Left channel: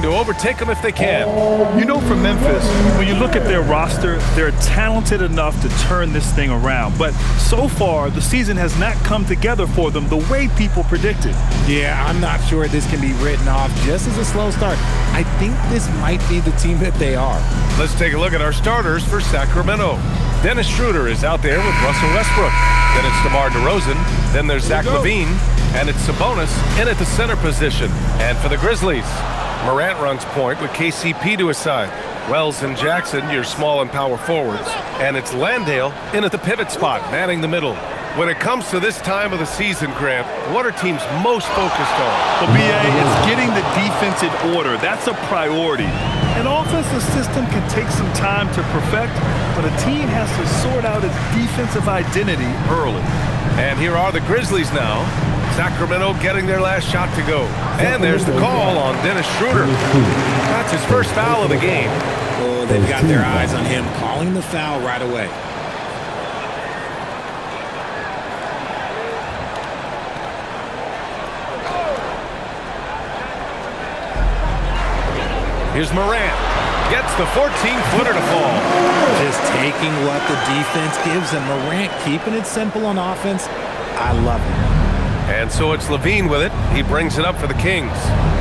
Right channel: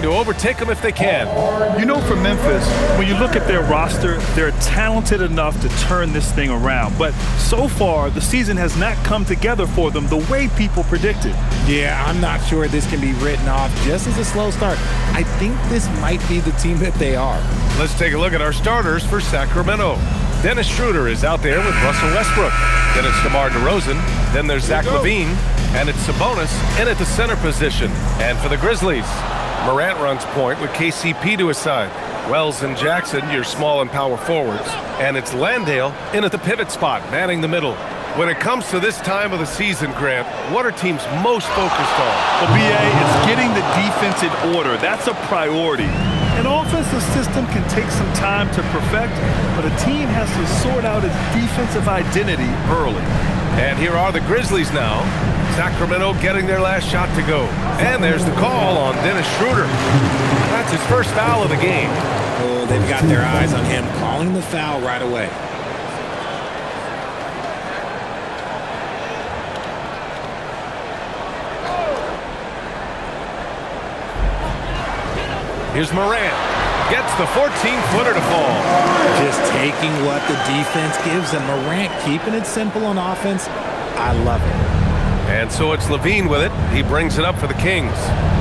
trying to overtake them if they can. You know, for Memphis, when you look at their roster, they're talented enough to turn this thing around. But so far, the season has not come together for them the way people predicted. Yeah, I'm not sure this can be written off just as a slow start. I think this might be the team that they are. Let's take a look at our starters for Sacramento. Dennis Schroeder is out there with Russell Westbrook. Then it's DeMar DeRozan. Then there's Zach LaVine. And it's Sabonis in at the center position. And for the Grizzlies, Morant runs point with KCP to his side. Wells and Jackson, your small and power forwards. And it's Landale in at the pivot spot, manning the middle. When it comes to this time of the season, Grant, what are teams most focused on? Well, B.A., it's getting the defense in order. That's a priority. An offensive system can take some time to perfect, but a team has to sort out its defensive identity early. And here are the Grizzlies now. Sacramento getting their last shot to go. And there's the call on Dennis Schroeder. That's his first foul of the game. Oh, they've got their eyes on him, calling the foul right away. Here's Morant. Gets the 14-footer to fall. Just taking what the defense gives him. Morant keeping it simple on offense. I love it. And so it's LaVine with it. He brings it up for the Kings.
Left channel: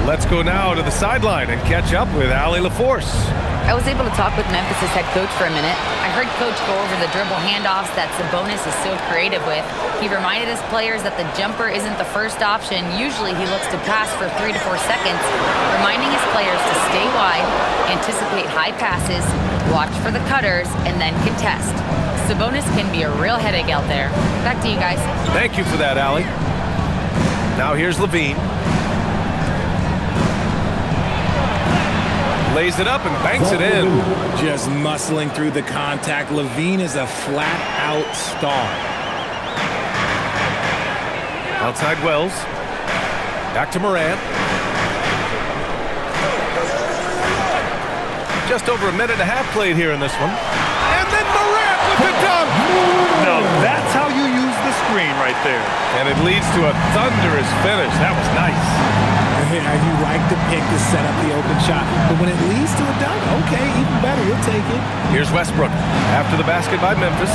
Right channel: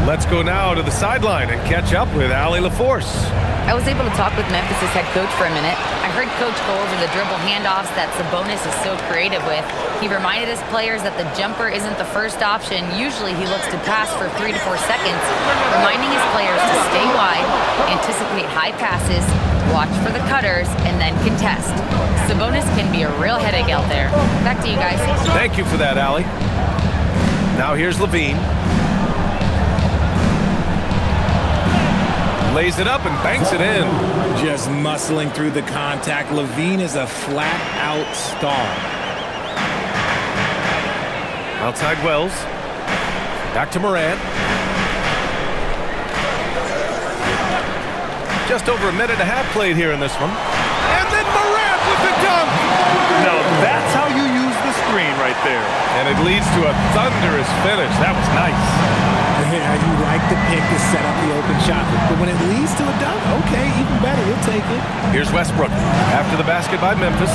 Let's go now to the sideline and catch up with Allie LaForce. I was able to talk with Memphis' head coach for a minute. I heard Coach go over the dribble handoffs that Sabonis is so creative with. He reminded his players that the jumper isn't the first option. Usually he looks to pass for 3 to 4 seconds, reminding his players to stay wide, anticipate high passes, watch for the cutters, and then contest. Sabonis can be a real headache out there. Back to you guys. Thank you for that, Allie. Now here's LaVine. Lays it up and banks it in. Just muscling through the contact. LaVine is a flat-out star. Outside Wells. Back to Morant. Just over a minute and a half played here in this one. And then Morant with the dunk. Now that's how you use the screen right there. And it leads to a thunderous finish. That was nice. Yeah, you like the pick to set up the open shot, but when it leads to a dunk, okay, even better, you'll take it. Here's Westbrook after the basket by Memphis.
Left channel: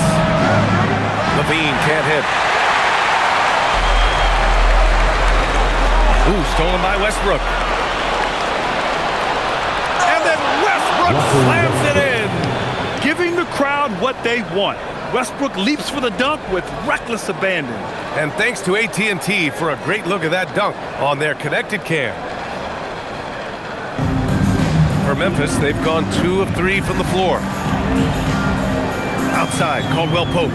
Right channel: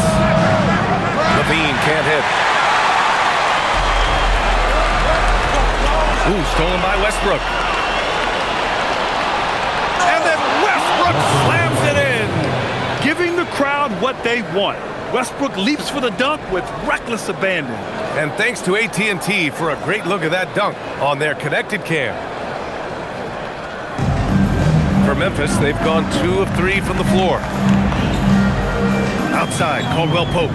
LaVine can't hit. Ooh, stolen by Westbrook. And then Westbrook slams it in. Giving the crowd what they want. Westbrook leaps for the dunk with reckless abandon. And thanks to AT&T for a great look at that dunk on their connected cam. For Memphis, they've gone 2 of 3 from the floor. Outside, Caldwell Pope.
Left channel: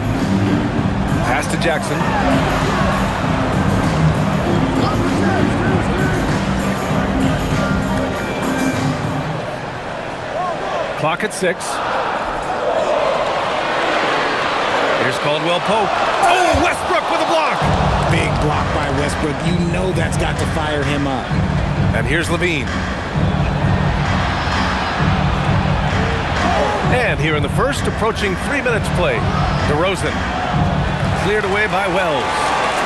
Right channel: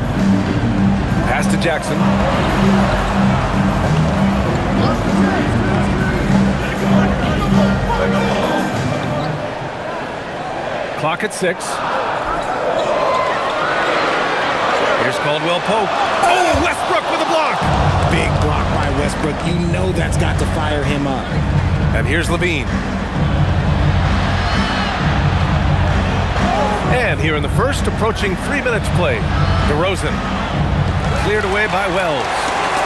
Pass to Jackson. Clock at 6. Here's Caldwell Pope. Oh, Westbrook with a block. Big block by Westbrook. You know that's got to fire him up. And here's LaVine. And here in the first, approaching 3 minutes play. DeRozan. Cleared away by Wells.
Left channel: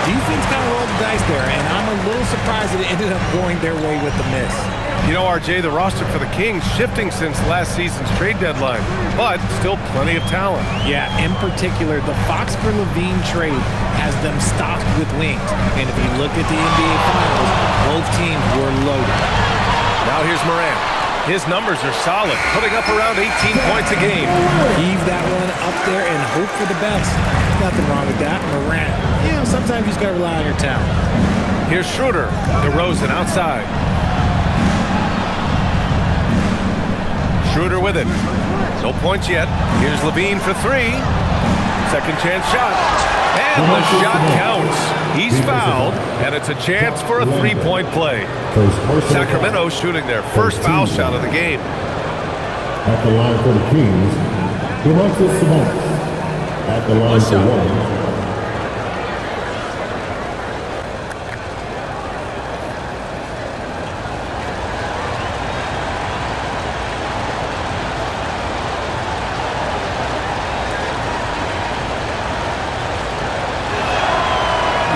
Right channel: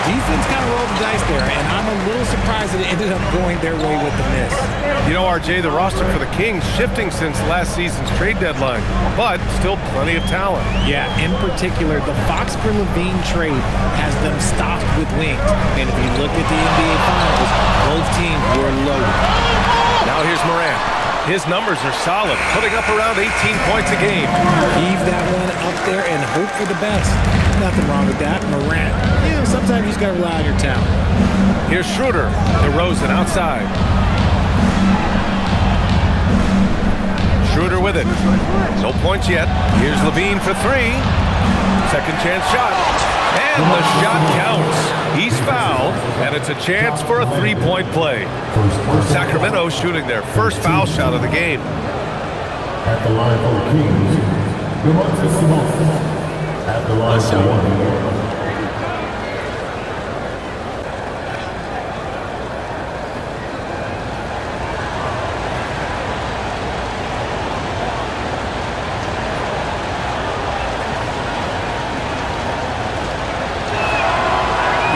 Defense kind of rolled the dice there, and I'm a little surprised that it ended up going their way with the miss. You know, RJ, the roster for the Kings shifting since last season's trade deadline, but still plenty of talent. Yeah, in particular, the Fox for LaVine trade has them stocked with wings. And if you look at the NBA Finals, both teams were loaded. Now here's Morant. His numbers are solid, putting up around 18 points a game. Heave that one up there and hope for the best. Nothing wrong with that. Morant, you know, sometimes you just got to rely on your talent. Here's Schroeder. DeRozan outside. Schroeder with it. No points yet. Here's LaVine for 3. Second chance shot. And the shot counts. He's fouled, and it's a chance for a 3-point play. Sacramento shooting their first foul shot of the game. At the line for the Kings, DeMarcus Sabonis. At the line for 1.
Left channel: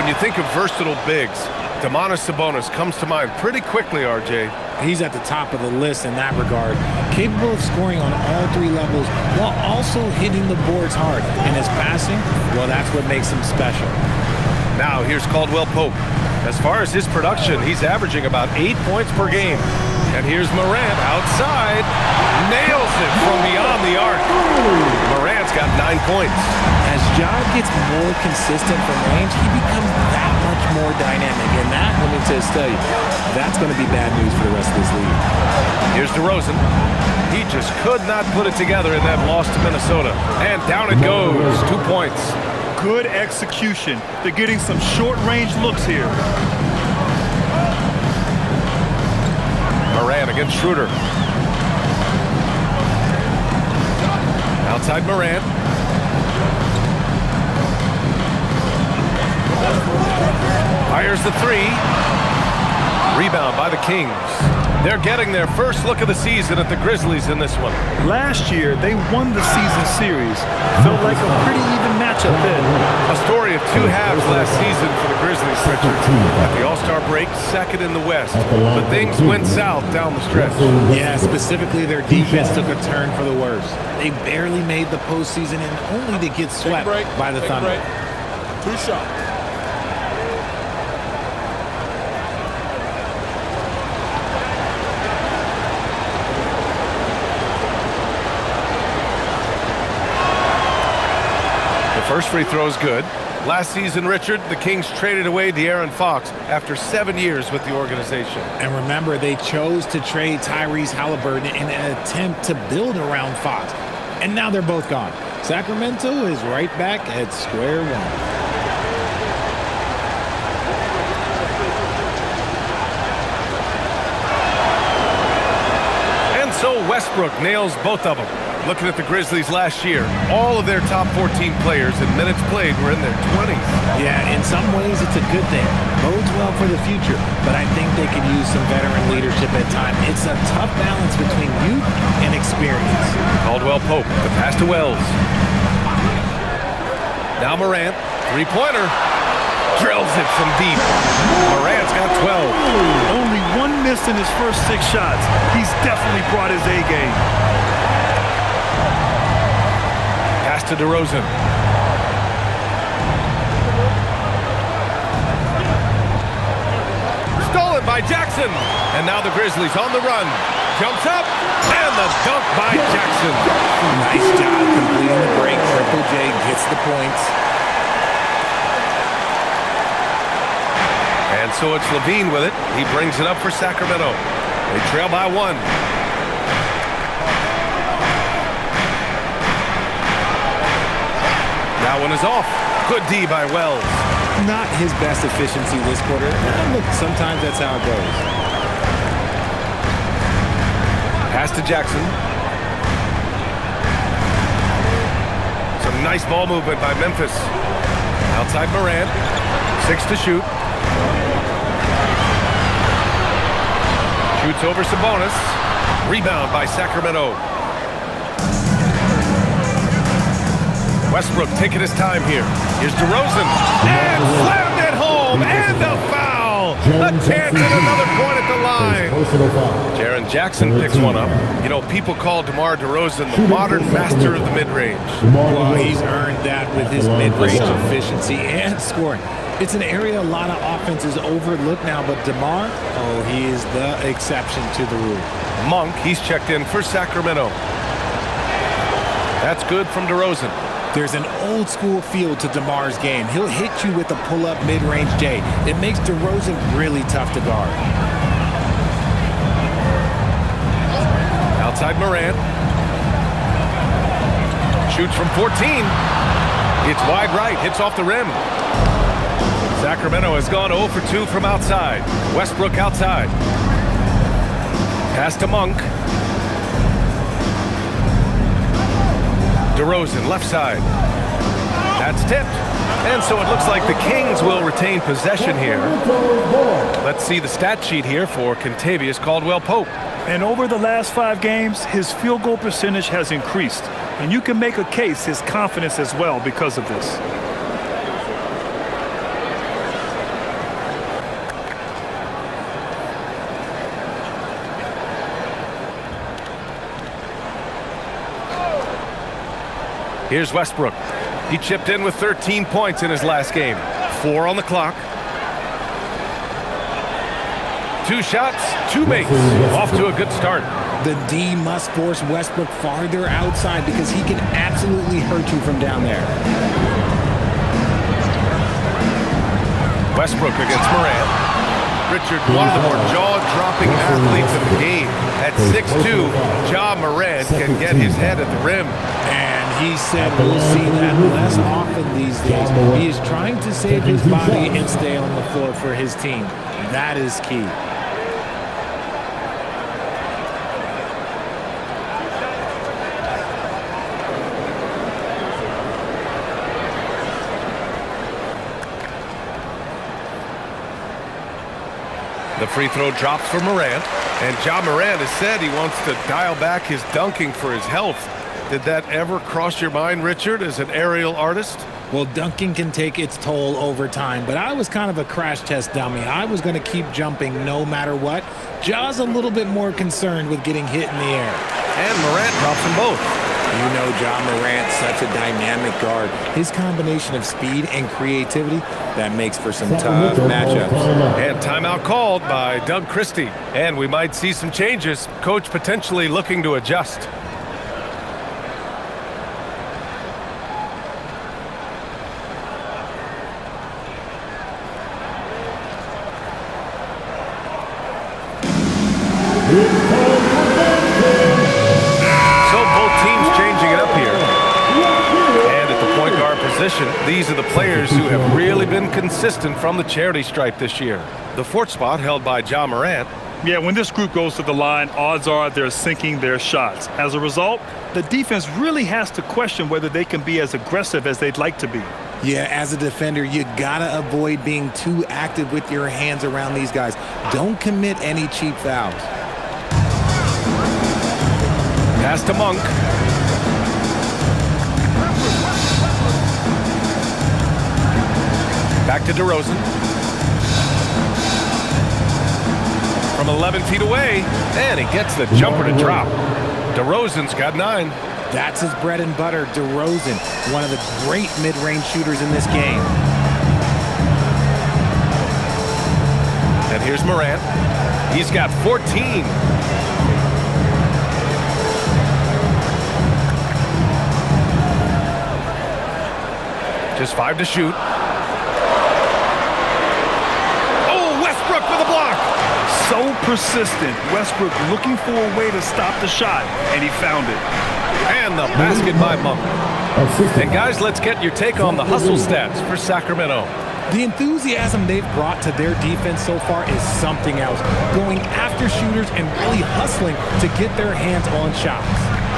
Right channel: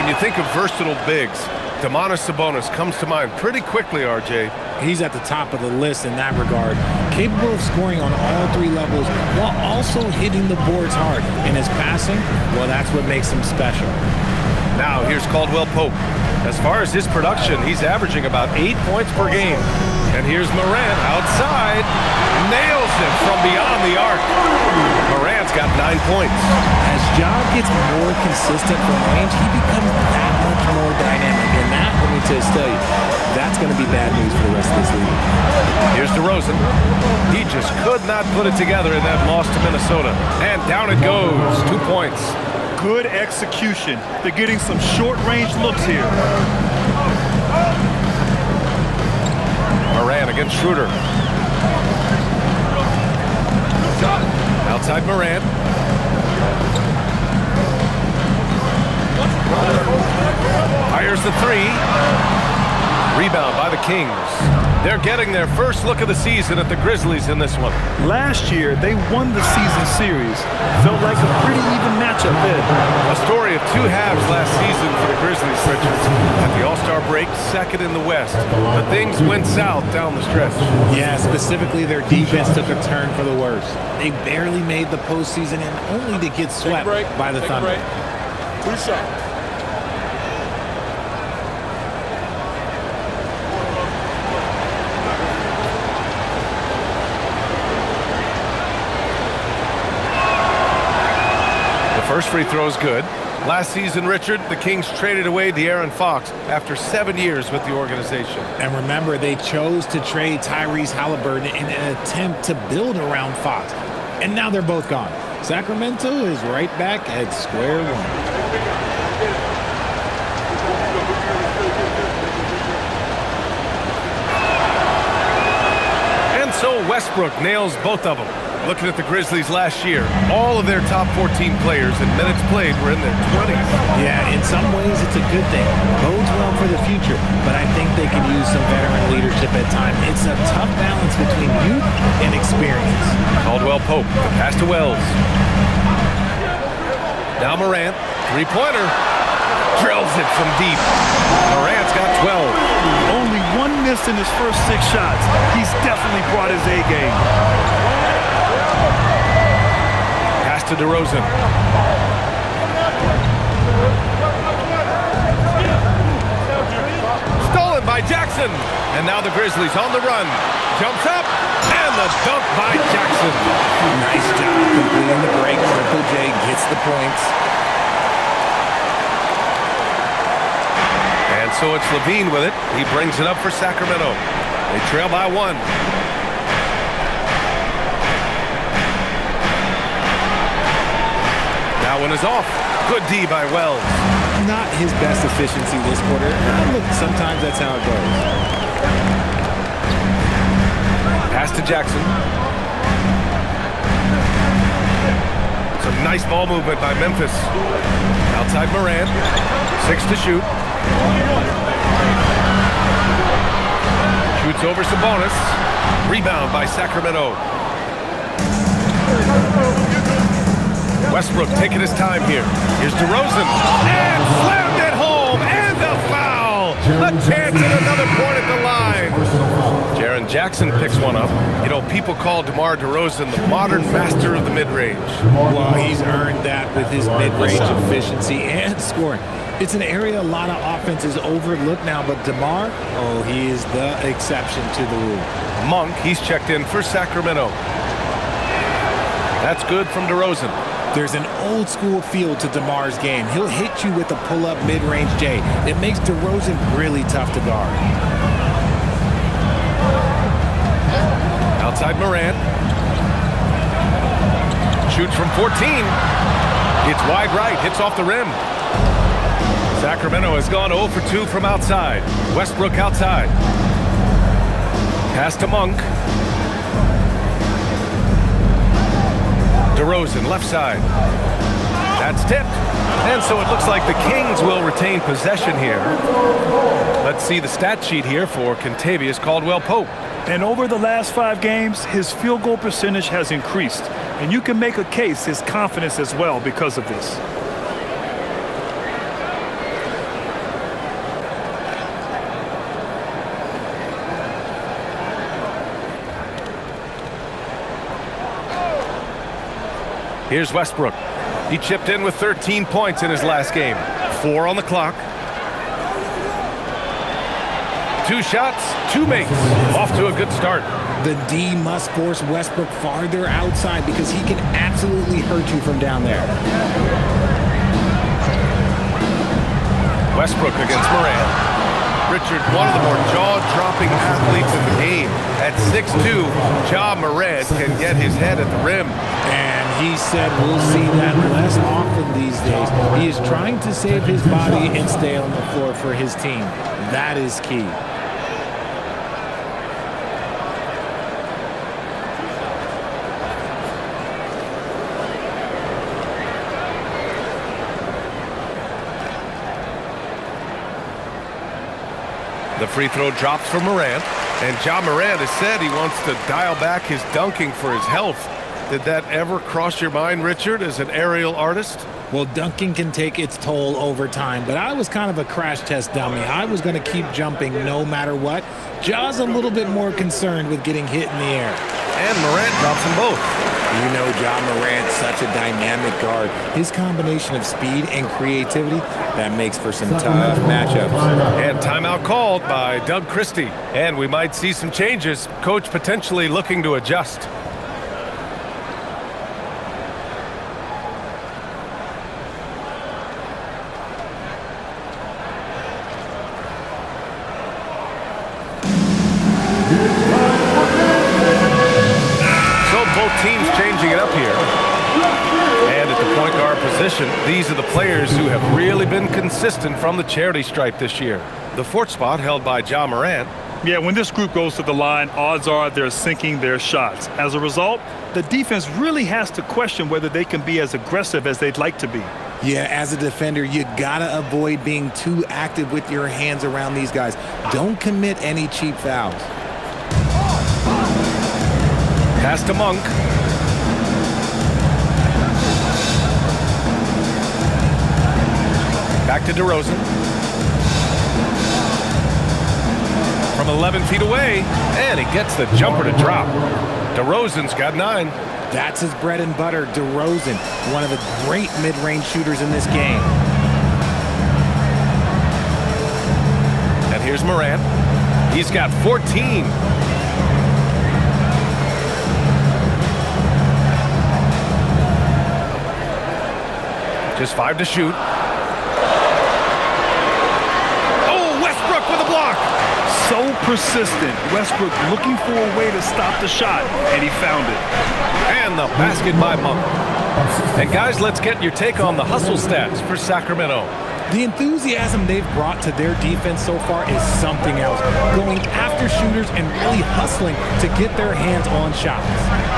When you think of versatile bigs, Domantas Sabonis comes to mind pretty quickly, RJ. He's at the top of the list in that regard, capable of scoring on all three levels while also hitting the boards hard. And his passing, well, that's what makes him special. Now here's Caldwell Pope. As far as his production, he's averaging about 8 points per game. And here's Morant outside. Nails it from beyond the arc. Morant's got 9 points. As Ja gets more consistent from range, he becomes that much more dynamic. And that, let me just tell you, that's going to be bad news for the rest of this league. Here's DeRozan. He just could not put it together in that loss to Minnesota. And down it goes. 2 points. Good execution. They're getting some short-range looks here. Morant against Schroeder. Outside Morant. Fires the three. Rebound by the Kings. They're getting their first look of the season at the Grizzlies in this one. Last year, they won the season series. Felt like a pretty even matchup then. A story of two halves last season for the Grizzlies, Richard. At the All-Star break, second in the West. But things went south down the stretch. Yeah, specifically their defense took a turn for the worse. They barely made the postseason and only to get swept by the Thunder. 2 shots. First free throw is good. Last season, Richard, the Kings traded away De'Aaron Fox after 7 years with the organization. And remember, they chose to trade Tyrese Halliburton in an attempt to build around Fox. And now they're both gone. Sacramento is right back at square one. And so Westbrook nails both of them. Looking at the Grizzlies last year, all of their top 14 players in minutes played were in their 20s. Yeah, in some ways it's a good thing. Bodes well for the future, but I think they could use some veteran leadership at times. It's a tough balance between youth and experience. Caldwell Pope, the pass to Wells. Now Morant, three-pointer. Drills it from deep. Morant's got 12. Only one miss in his first 6 shots. He's definitely brought his A game. Pass to DeRozan. Stolen by Jackson. And now the Grizzlies on the run. Jumps up. And the dunk by Jackson. Nice job completing the break. Triple J gets the points. And so it's Levine with it. He brings it up for Sacramento. They trail by 1. That one is off. Good D by Wells. Not his best efficiency this quarter. And look, sometimes that's how it goes. Pass to Jackson. Some nice ball movement by Memphis. Outside Morant. 6 to shoot. Shoots over Sabonis. Rebound by Sacramento. Westbrook taking his time here. Here's DeRozan. And slammed it home. And the foul. A chance at another point at the line. Jaren Jackson picks one up. You know, people call DeMar DeRozan the modern master of the mid-range. Well, he's earned that with his mid-range efficiency and scoring. It's an area a lot of offenses overlook now, but DeMar, oh, he is the exception to the rule. Monk, he's checked in for Sacramento. That's good from DeRozan. There's an old school feel to DeMar's game. He'll hit you with a pull-up mid-range J. It makes DeRozan really tough to guard. Outside Morant. Shoots from 14. It's wide right, hits off the rim. Sacramento has gone 0 for 2 from outside. Westbrook outside. Pass to Monk. DeRozan, left side. That's tipped. And so it looks like the Kings will retain possession here. Let's see the stat sheet here for Kentavious Caldwell-Pope. And over the last 5 games, his field goal percentage has increased. And you can make a case his confidence as well because of this. Here's Westbrook. He chipped in with 13 points in his last game. 4 on the clock. 2 shots, 2 makes. Off to a good start. The D must force Westbrook farther outside because he can absolutely hurt you from down there. Westbrook against Morant. Richard, one of the more jaw-dropping athletes in the game. At 6'2", Ja Morant can get his head at the rim. And he said we'll see that less often these days. He is trying to save his body and stay on the floor for his team. That is key. The free throw drops for Morant, and Ja Morant has said he wants to dial back his dunking for his health. Did that ever cross your mind, Richard, as an aerial artist? Well, dunking can take its toll over time, but I was kind of a crash test dummy. I was going to keep jumping no matter what. Ja's a little bit more concerned with getting hit in the air. And Morant drops them both. You know Ja Morant, such a dynamic guard. His combination of speed and creativity, that makes for some tough matchups. And timeout called by Doug Christie. And we might see some changes. Coach potentially looking to adjust. So both teams changing it up here. And at the point guard position, these are the players who have really been consistent from the charity stripe this year. The 4th spot held by Ja Morant. Yeah, when this group goes to the line, odds are they're sinking their shots. As a result, the defense really has to question whether they can be as aggressive as they'd like to be. Yeah, as a defender, you gotta avoid being too active with your hands around these guys. Don't commit any cheap fouls. Pass to Monk. Back to DeRozan. From 11 feet away, and he gets the jumper to drop. DeRozan's got 9. That's his bread and butter, DeRozan, one of the great mid-range shooters in this game. And here's Morant. He's got 14. Just 5 to shoot. Oh, Westbrook with a block. So persistent. Westbrook looking for a way to stop the shot, and he found it. And the basket by Monk. And guys, let's get your take on the hustle stats for Sacramento. The enthusiasm they've brought to their defense so far is something else. Going after shooters and really hustling to get their hands on shots.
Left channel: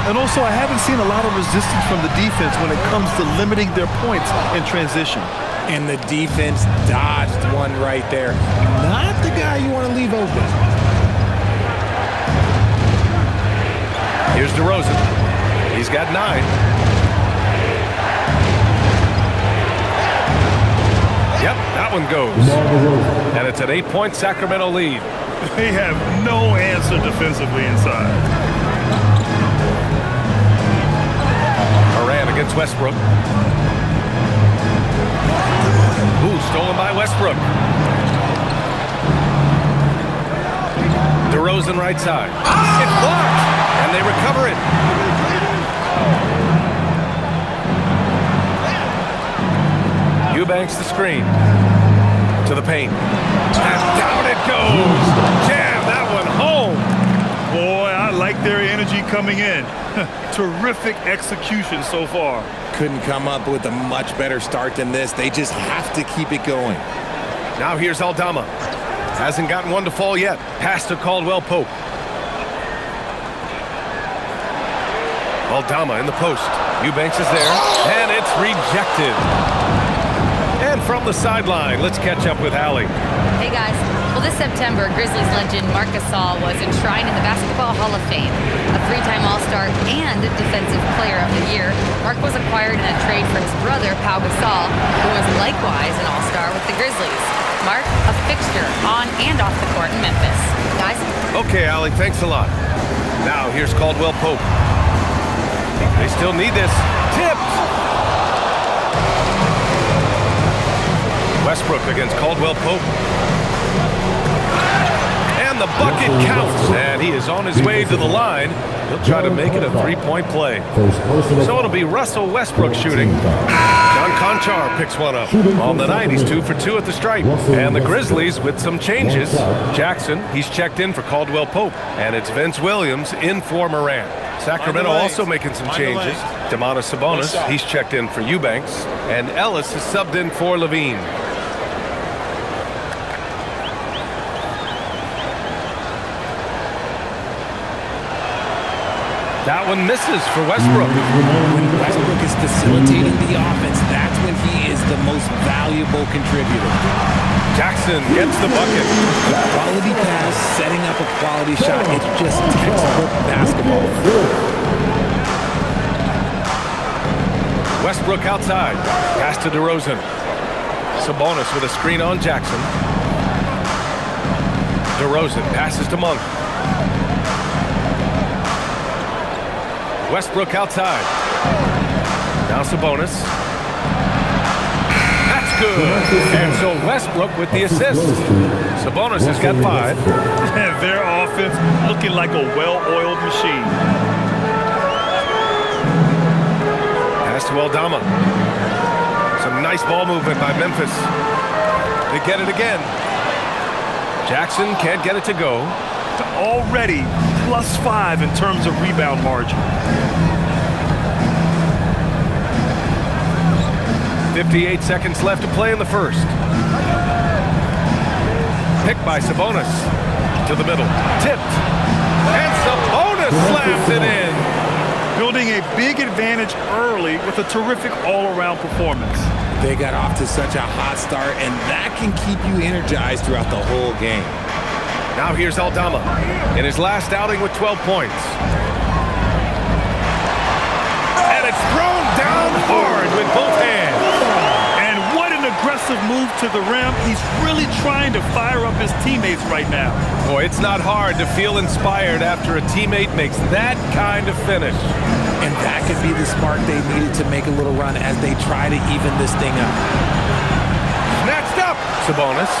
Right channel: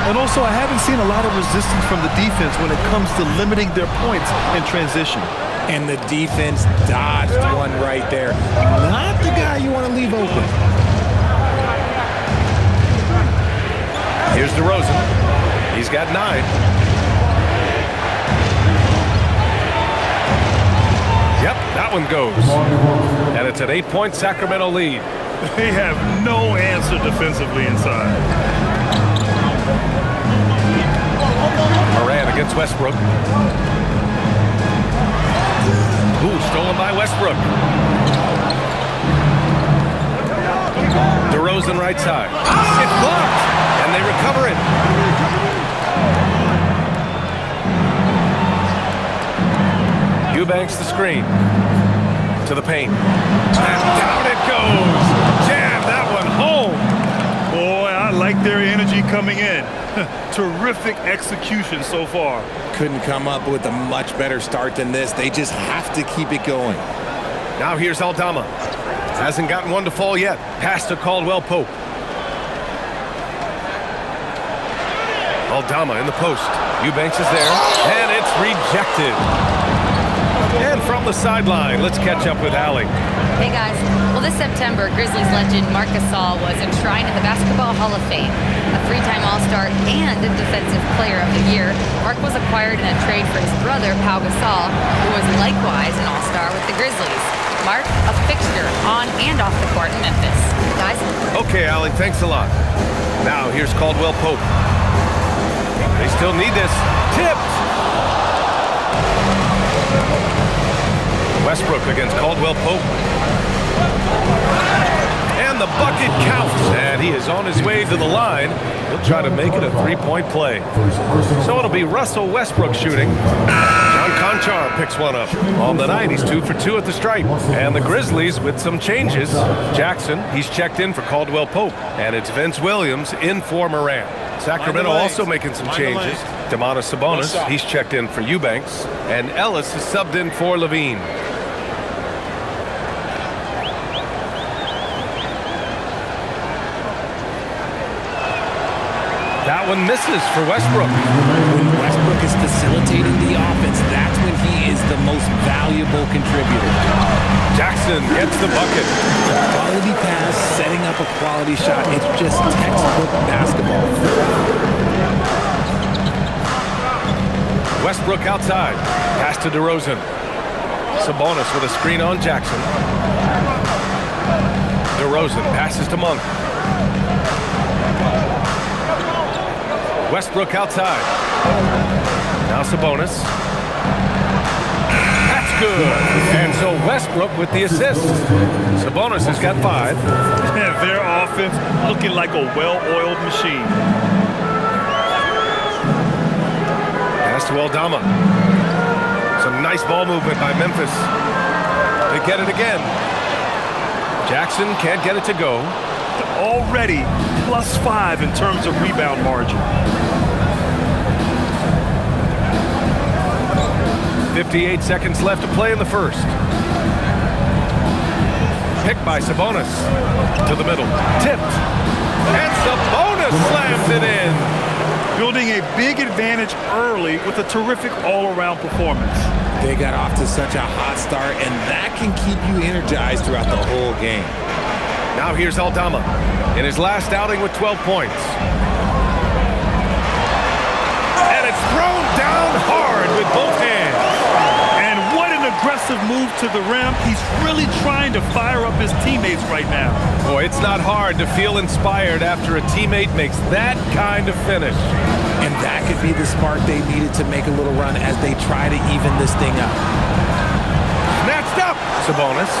And also, I haven't seen a lot of resistance from the defense when it comes to limiting their points in transition. And the defense dodged one right there. Not the guy you want to leave open. Here's DeRozan. He's got 9. Yep, that one goes. And it's an 8-point Sacramento lead. They have no answer defensively inside. Morant against Westbrook. Ooh, stolen by Westbrook. DeRozan right side. It's blocked, and they recover it. Eubanks the screen. To the paint. And down it goes. Jam that one home. Boy, I like their energy coming in. Terrific execution so far. Couldn't come up with a much better start than this. They just have to keep it going. Now here's Aldama. Hasn't gotten one to fall yet. Pass to Caldwell Pope. Aldama in the post. Eubanks is there, and it's rejected. And from the sideline, let's catch up with Allie. Hey guys, well this September, Grizzlies legend Marc Gasol was enshrined in the Basketball Hall of Fame. A 3-time All-Star and Defensive Player of the Year, Marc was acquired in a trade for his brother, Pau Gasol, who was likewise an All-Star with the Grizzlies. Marc, a fixture on and off the court in Memphis. Guys? Okay, Allie, thanks a lot. Now here's Caldwell Pope. They still need this. Tipped! Westbrook against Caldwell Pope. And the bucket counts, and he is on his way to the line. He'll try to make it a three-point play. So it'll be Russell Westbrook shooting. John Conchar picks one up. On the night, he's 2 for 2 at the stripe. And the Grizzlies with some changes. Jackson, he's checked in for Caldwell Pope. And it's Vince Williams in for Morant. Sacramento also making some changes. Domantas Sabonis, he's checked in for Eubanks. And Ellis is subbed in for Levine. That one misses for Westbrook. When Westbrook is facilitating the offense, that's when he is the most valuable contributor. Jackson gets the bucket. Quality pass, setting up a quality shot. It's just textbook basketball. Westbrook outside. Pass to DeRozan. Sabonis with a screen on Jackson. DeRozan passes to Monk. Westbrook outside. Now Sabonis. That's good. And so Westbrook with the assist. Sabonis has got 5. Their offense looking like a well-oiled machine. Pass to Aldama. Some nice ball movement by Memphis. They get it again. Jackson can't get it to go. Already +5 in terms of rebound margin. 58 seconds left to play in the first. Picked by Sabonis. To the middle. Tipped. And Sabonis slams it in. Building a big advantage early with a terrific all-around performance. They got off to such a hot start, and that can keep you energized throughout the whole game. Now here's Aldama in his last outing with 12 points. And it's thrown down hard with both hands. And what an aggressive move to the rim. He's really trying to fire up his teammates right now. Boy, it's not hard to feel inspired after a teammate makes that kind of finish. And that could be the spark they needed to make a little run as they try to even this thing up. Snatched up. Sabonis.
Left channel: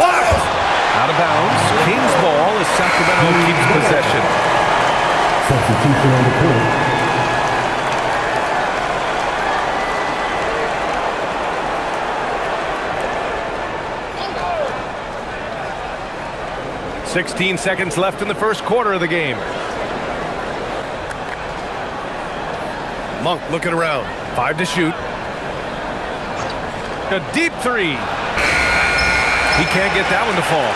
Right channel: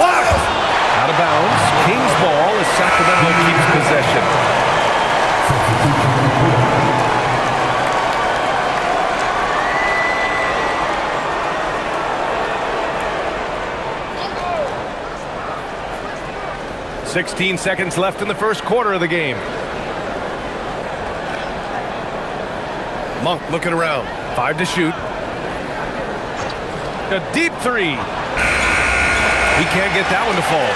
Blocked. Out of bounds. Kings ball as Sacramento keeps possession. Substitution on the court. 16 seconds left in the first quarter of the game. Monk looking around. 5 to shoot. A deep 3. He can't get that one to fall.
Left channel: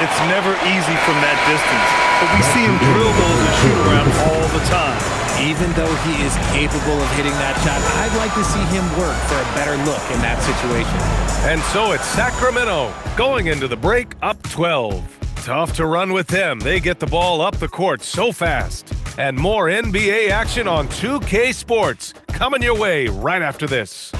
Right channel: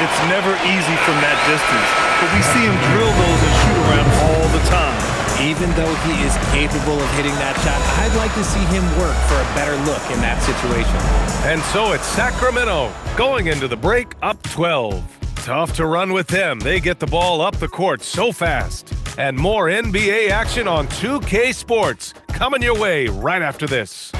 It's never easy from that distance, but we see him drill those and shoot around all the time. Even though he is capable of hitting that shot, I'd like to see him work for a better look in that situation. And so it's Sacramento going into the break up 12. Tough to run with them. They get the ball up the court so fast. And more NBA action on 2K Sports coming your way right after this.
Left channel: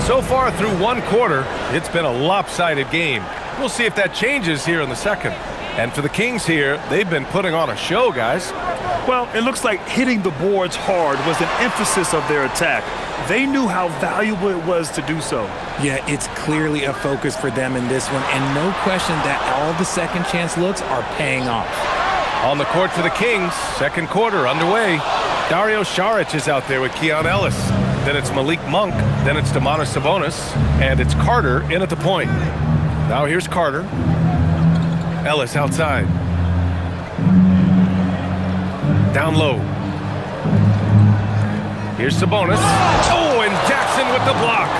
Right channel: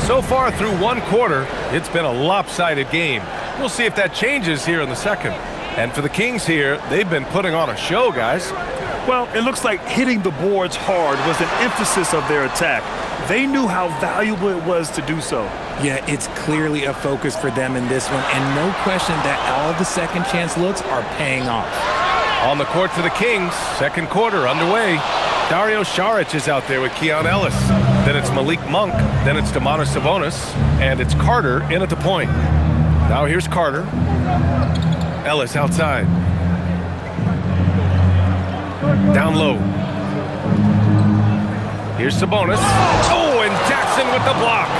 So far through one quarter, it's been a lopsided game. We'll see if that changes here in the second. And for the Kings here, they've been putting on a show, guys. Well, it looks like hitting the boards hard was an emphasis of their attack. They knew how valuable it was to do so. Yeah, it's clearly a focus for them in this one, and no question that all the second chance looks are paying off. On the court for the Kings, second quarter underway. Dario Saric is out there with Keon Ellis. Then it's Malik Monk. Then it's Domantas Sabonis. And it's Carter in at the point. Now here's Carter. Ellis outside. Down low. Here's Sabonis. Oh, and Jackson with the block.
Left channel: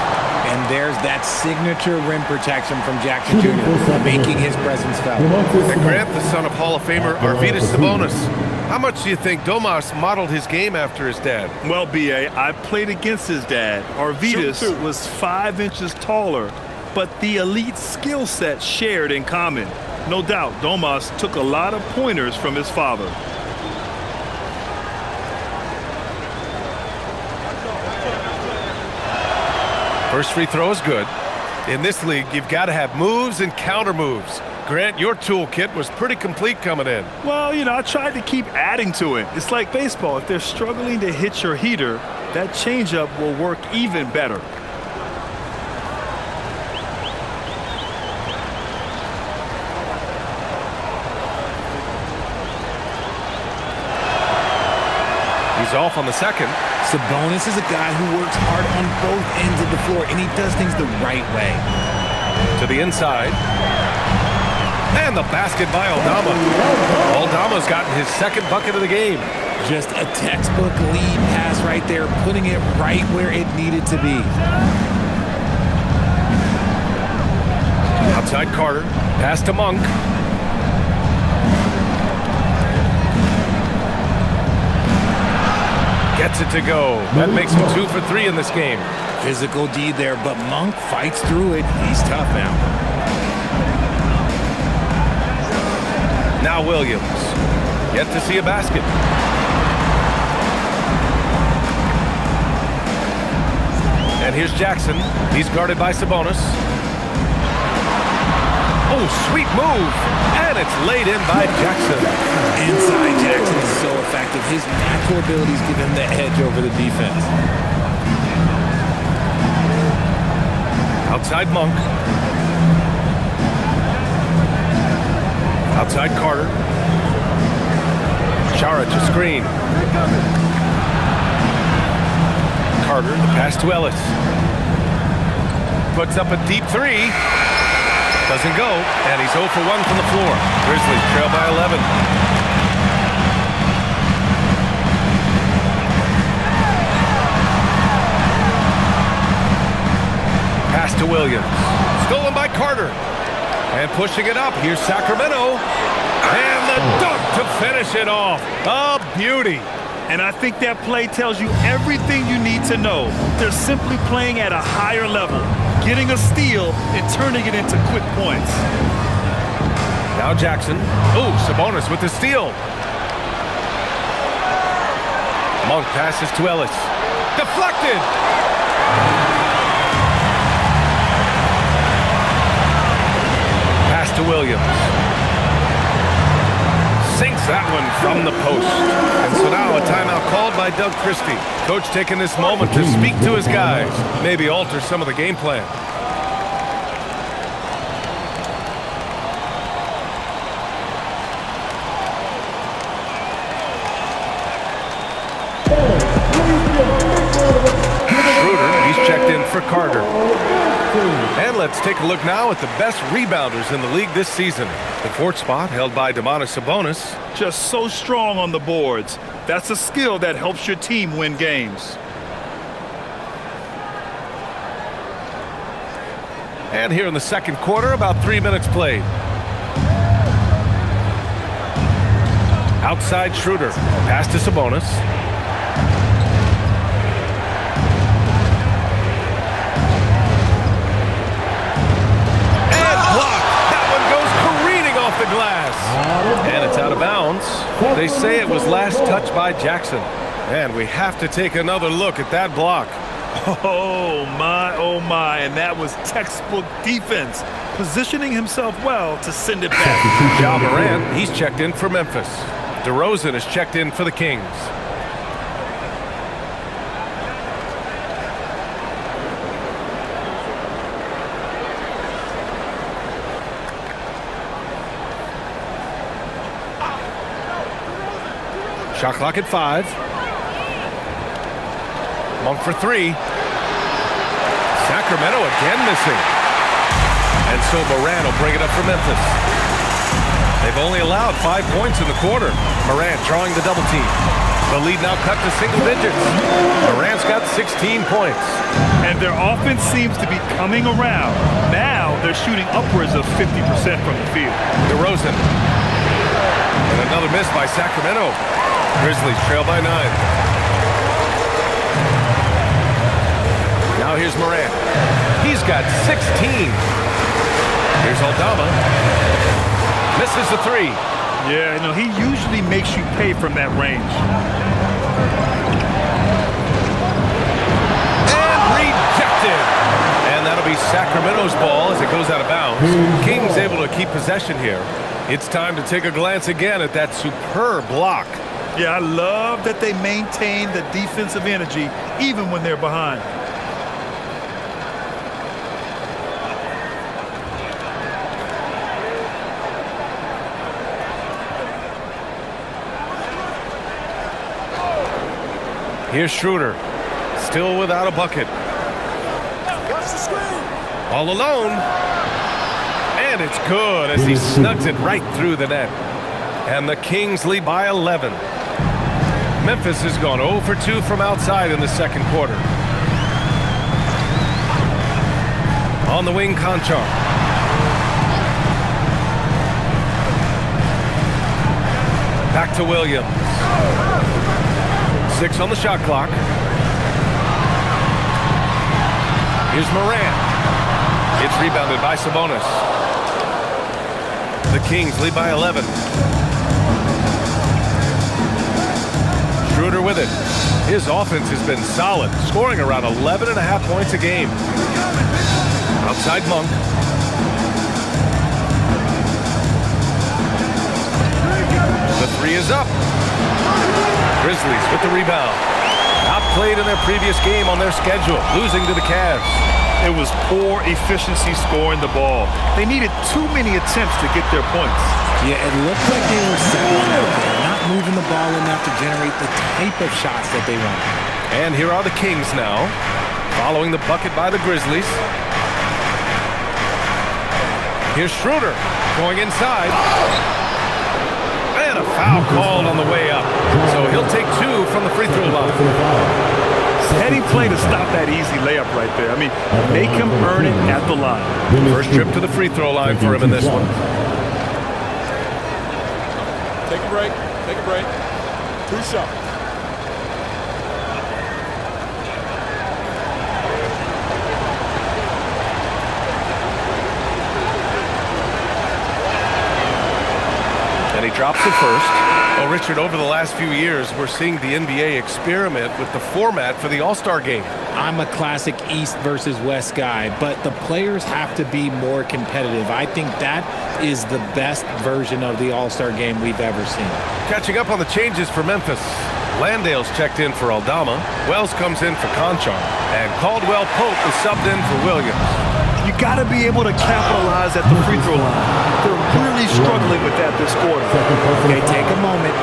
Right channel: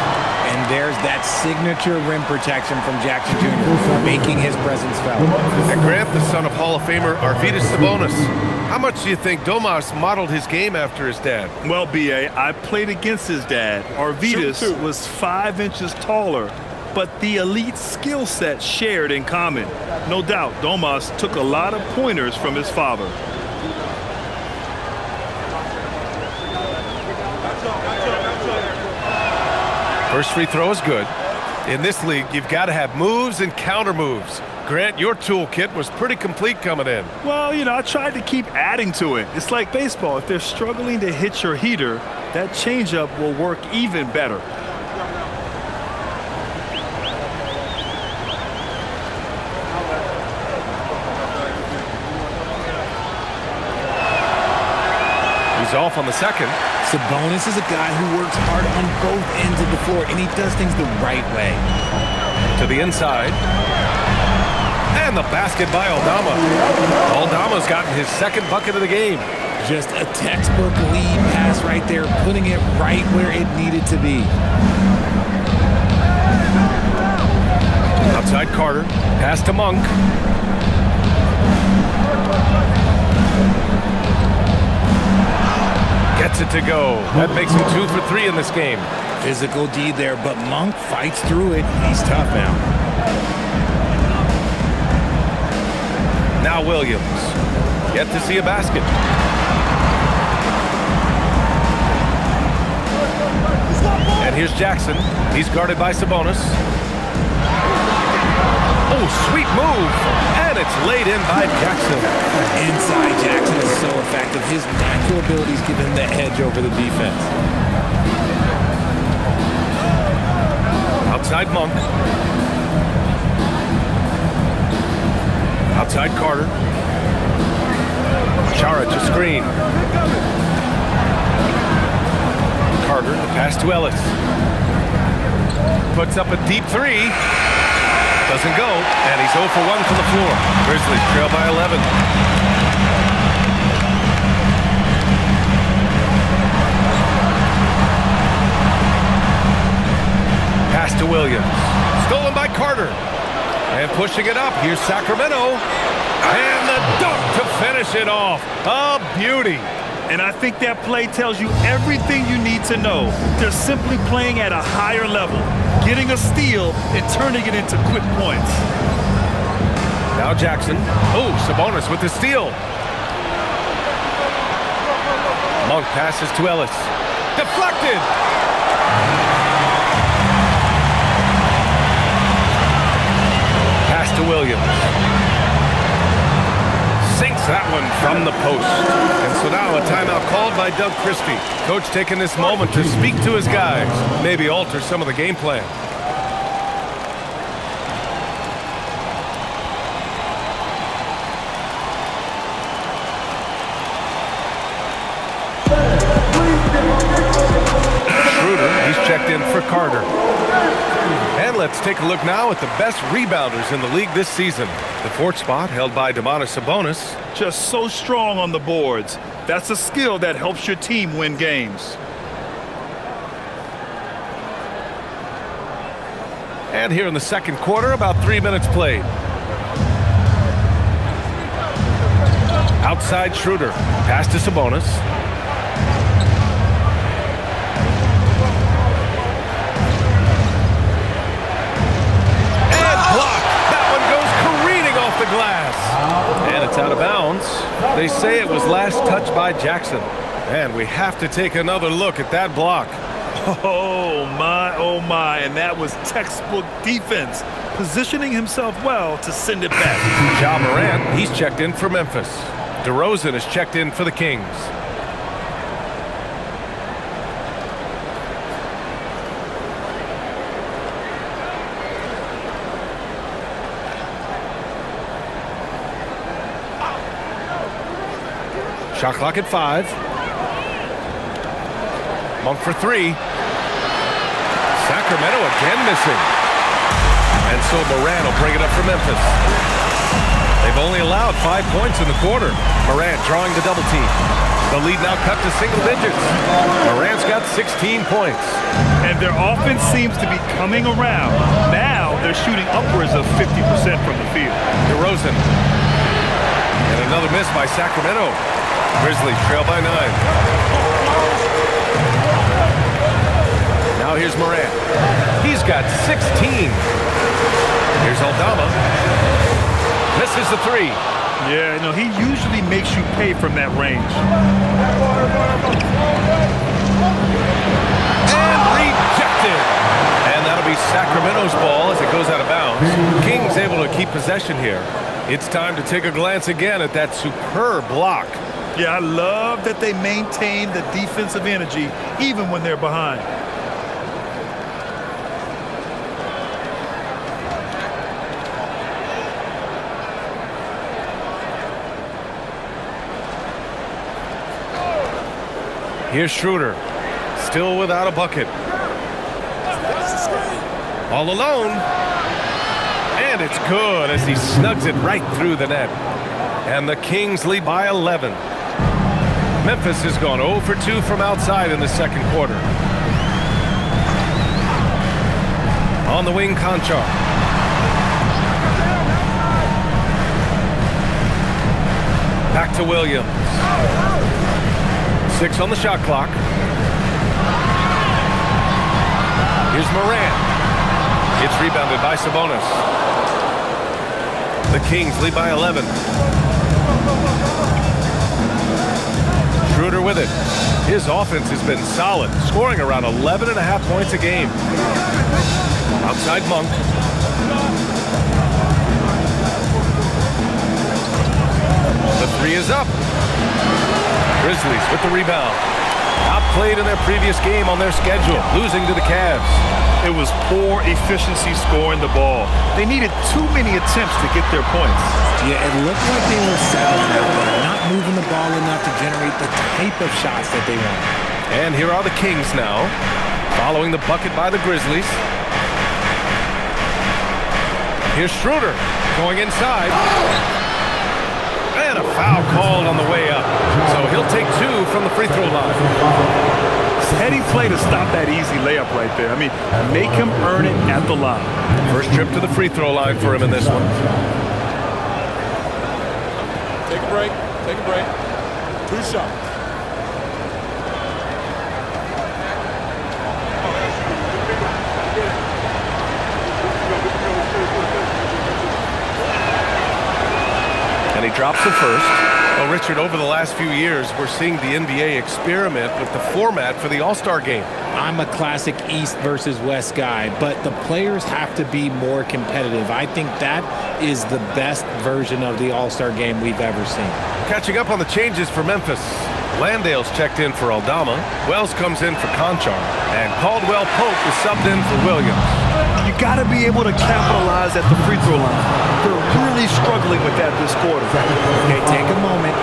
And there's that signature rim protection from Jackson Jr., making his presence felt. And Grant, the son of Hall of Famer Arvydas Sabonis. How much do you think Domas modeled his game after his dad? Well, B.A., I played against his dad. Arvydas was 5 inches taller, but the elite skill set shared in common. No doubt, Domas took a lot of pointers from his father. First free throw is good. In this league, you've got to have moves and counter moves. Grant, your toolkit was pretty complete coming in. Well, I tried to keep adding to it. It's like baseball. If they're struggling to hit your heater, that changeup will work even better. He's off on the second. Sabonis is a guy who works hard on both ends of the floor, and he does things the right way. To the inside. And the basket by Aldama. Aldama's gotten his second bucket of the game. Just a textbook lead pass right there, putting it right where it needed to be. Outside Carter. Pass to Monk. Gets it to go. That makes him 2 for 3 in this game. Physical D there, but Monk fights through it. He's tough now. Now Williams. Yet to see a basket. And here's Jackson. He's guarded by Sabonis. Oh, sweet move. And it's laid in by Jackson. Inside Jackson is so effective. His natural abilities give him the edge over the defense. Outside Monk. Outside Carter. Chara to screen. Carter, the pass to Ellis. Puts up a deep three. Doesn't go, and he's 0 for 1 from the floor. Grizzlies trail by 11. Pass to Williams. Stolen by Carter. And pushing it up, here's Sacramento. And the dunk to finish it off. A beauty. And I think that play tells you everything you need to know. They're simply playing at a higher level, getting a steal and turning it into quick points. Now Jackson. Oh, Sabonis with the steal. Monk passes to Ellis. Deflected. Pass to Williams. Sinks that one from the post. And so now a timeout called by Doug Christie. Coach taking this moment to speak to his guys. Maybe alter some of the game plan. Schroeder, he's checked in for Carter. And let's take a look now at the best rebounders in the league this season. The fourth spot held by Domantas Sabonis. Just so strong on the boards. That's a skill that helps your team win games. And here in the second quarter, about 3 minutes played. Outside Schroeder. Pass to Sabonis. Off the glass. And it's out of bounds. They say it was last touched by Jackson. And we have to take another look at that block. Oh my, and that was textbook defense, positioning himself well to send it back. Ja Morant, he's checked in for Memphis. DeRozan is checked in for the Kings. Shot clock at 5. Monk for 3. Sacramento again missing. And so Morant will bring it up for Memphis. They've only allowed 5 points in the quarter. Morant drawing the double team. The lead now cut to single digits. Morant's got 16 points. And their offense seems to be coming around. Now they're shooting upwards of 50% from the field. DeRozan. And another miss by Sacramento. Grizzlies trail by 9. Now here's Morant. He's got 16. Here's Aldama. Misses the 3. Yeah, he usually makes you pay from that range. And Rejected. And that'll be Sacramento's ball as it goes out of bounds. Kings able to keep possession here. It's time to take a glance again at that superb block. Yeah, I love that they maintain the defensive energy even when they're behind. Here's Schroeder, still without a bucket. All alone. And it's good as he snugs it right through the net. And the Kings lead by 11. Memphis has gone 0 for 2 from outside in the second quarter. On the wing, Conchar. Back to Williams. 6 on the shot clock. Here's Morant. It's rebounded by Sabonis. The Kings lead by 11. Schroeder with it. His offense has been solid, scoring around 11.5 points a game. Outside Monk. The three is up. Grizzlies with the rebound. Outplayed in their previous game on their schedule, losing to the Cavs. It was poor efficiency scoring the ball. They needed too many attempts to get their points. Yeah, it looked like they were settling out there, not moving the ball enough to generate the type of shots that they want. And here are the Kings now, following the bucket by the Grizzlies. Here's Schroeder going inside. And a foul called on the way up. So he'll take 2 from the free throw line. Heady play to stop that easy layup right there. I mean, make him earn it at the line. First trip to the free throw line for him in this one. Take a break. Take a break. 2 shots. And he drops the first. Well, Richard, over the last few years, we're seeing the NBA experiment with the format for the All-Star game. I'm a classic East versus West guy, but the players have to be more competitive. I think that is the best version of the All-Star game we've ever seen. Catching up on the changes for Memphis. Landale's checked in for Aldama. Wells comes in for Conchar. And Caldwell Pope is subbed in for Williams. You got to be able to capitalize at the free throw line. They're really struggling with that this quarter. Okay, take a moment.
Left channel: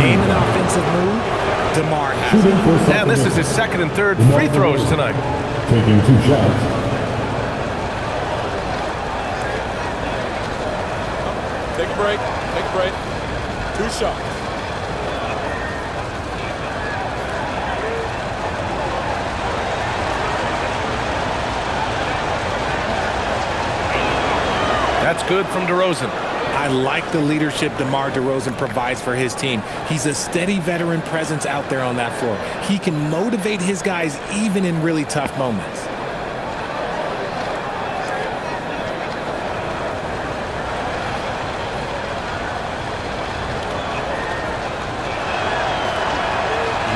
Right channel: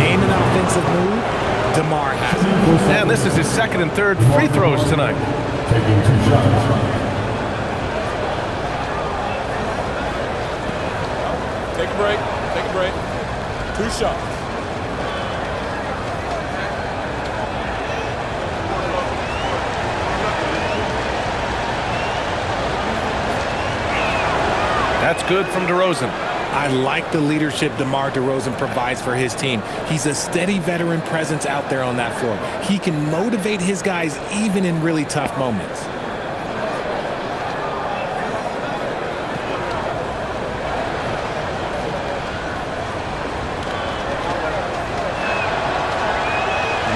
Name an offensive move. DeMar has it. And this is his second and third free throws tonight. Taking 2 shots. Take a break. Take a break. 2 shots. That's good from DeRozan. I like the leadership DeMar DeRozan provides for his team. He's a steady veteran presence out there on that floor. He can motivate his guys even in really tough moments.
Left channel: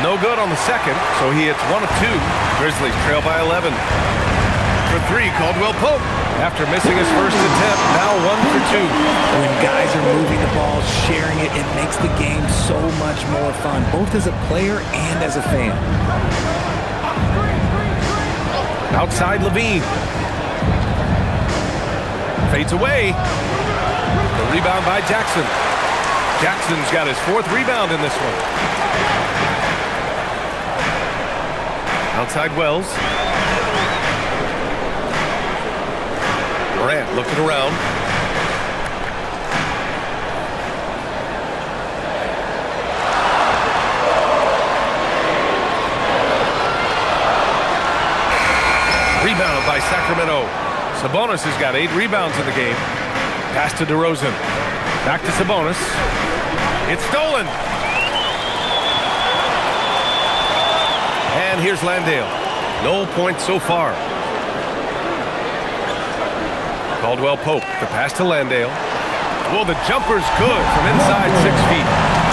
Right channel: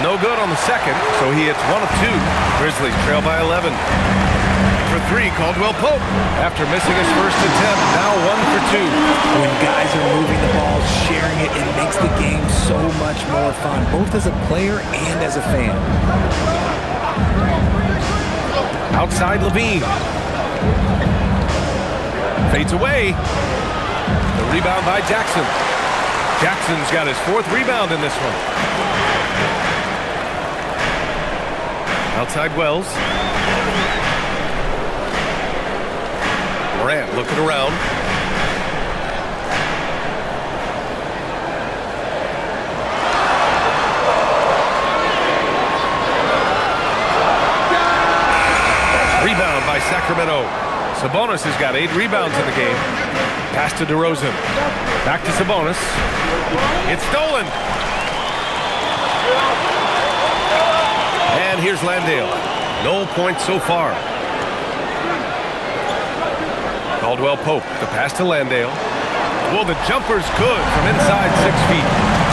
No good on the second, so he hits 1 of 2. Grizzlies trail by 11. For 3, Caldwell Pope. After missing his first attempt, now 1 for 2. When guys are moving the ball, sharing it, it makes the game so much more fun, both as a player and as a fan. Outside Levine. Fades away. The rebound by Jackson. Jackson's got his 4th rebound in this one. Outside Wells. Morant looking around. Rebound by Sacramento. Sabonis has got 8 rebounds in the game. Pass to DeRozan. Back to Sabonis. It's stolen. And here's Landale. No points so far. Caldwell Pope, the pass to Landale. Well, the jumper's good from inside 6 feet.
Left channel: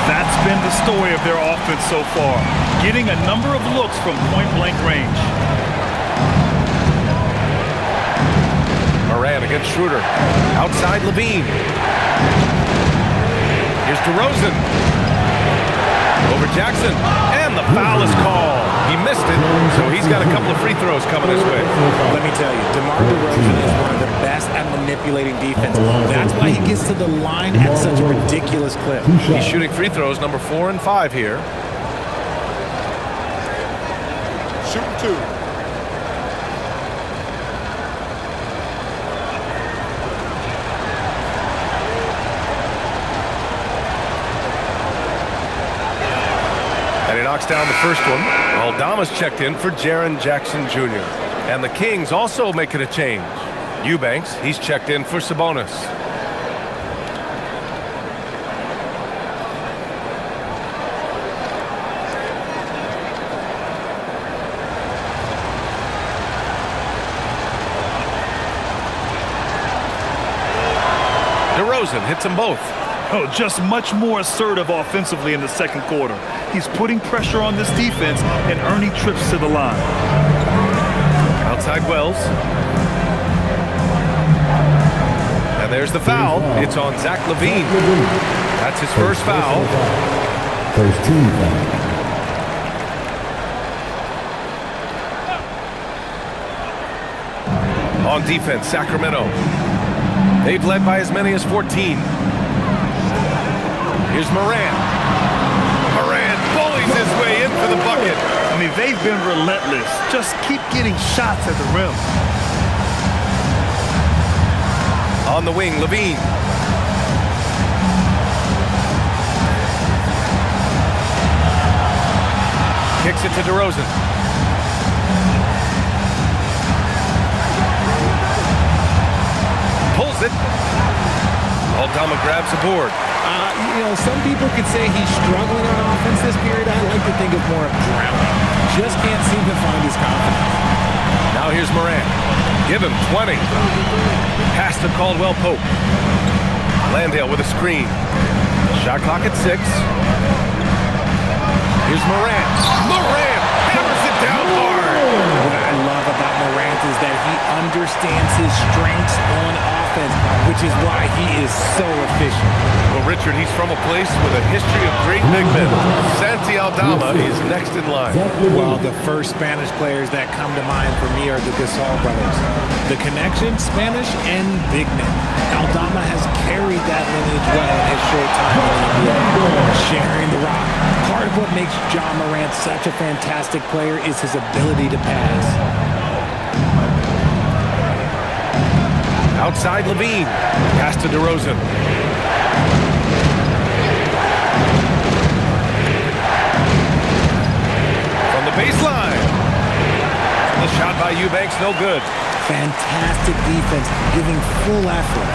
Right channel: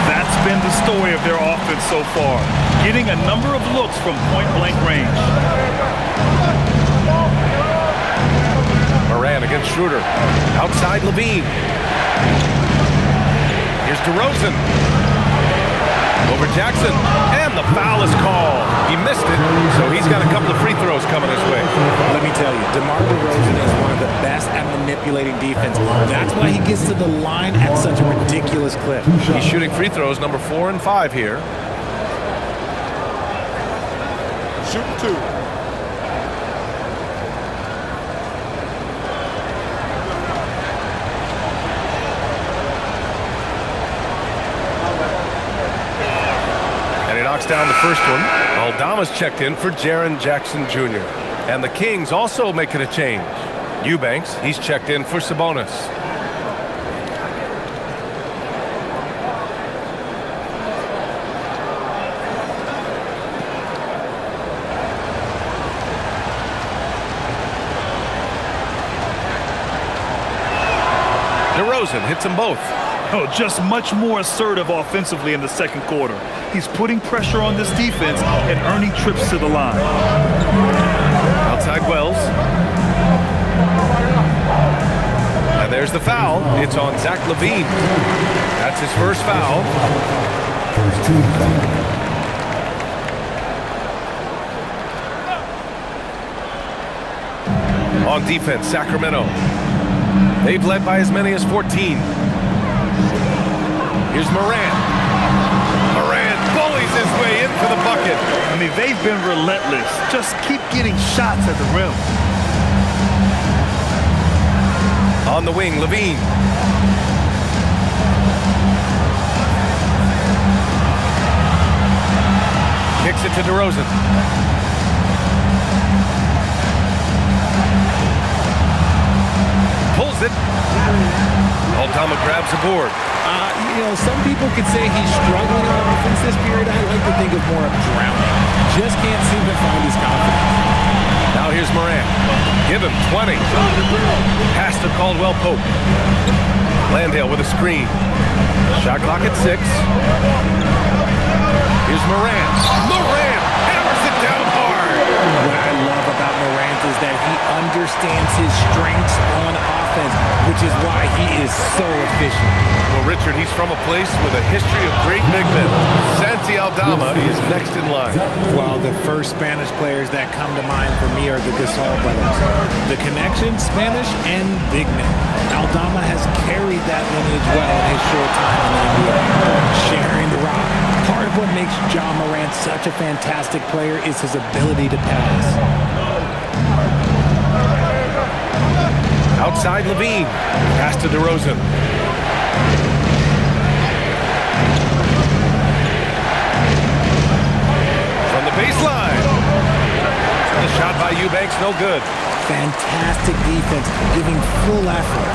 That's been the story of their offense so far, getting a number of looks from point-blank range. Moran against Schroeder. Outside Levine. Here's DeRozan. Over Jackson. And the foul is called. He missed it, so he's got a couple of free throws coming his way. Let me tell you, DeMar DeRozan is one of the best at manipulating defense. That's why he gets to the line at such a ridiculous clip. He's shooting free throws number 4 and 5 here. Shooting 2. And he knocks down the first one. Aldama's checked in for Jaren Jackson Jr. And the Kings also making a change. Eubanks, he's checked in for Sabonis. DeRozan hits them both. Oh, just much more assertive offensively in the second quarter. He's putting pressure on this defense and earning trips to the line. Outside Wells. And there's the foul. It's on Zach LaVine. That's his first foul. First team foul. On defense, Sacramento. They've led by as many as 14. Here's Moran. Moran bullies his way in for the bucket. I mean, they've been relentless. Just keep getting shots at the rim. On the wing, Levine. Kicks it to DeRozan. Pulls it. Aldama grabs the board. Some people could say he's struggling on offense this period. I like to think of more of drowning. Just can't seem to find his confidence. Now here's Moran. Give him 20. Pass to Caldwell Pope. Landale with a screen. Shot clock at 6. Here's Moran. Moran hammers it down hard. What I love about Morant is that he understands his strengths on offense, which is why he is so efficient. Well, Richard, he's from a place with a history of great big men. Santi Aldama is next in line. Well, the first Spanish players that come to mind for me are the Gasol brothers. The connection, Spanish and big men. Aldama has carried that lineage well in his short time in the NBA. Sharing the rock. Part of what makes Ja Morant such a fantastic player is his ability to pass. Outside Levine. Pass to DeRozan. From the baseline. The shot by Eubanks, no good. Fantastic defense, giving full effort.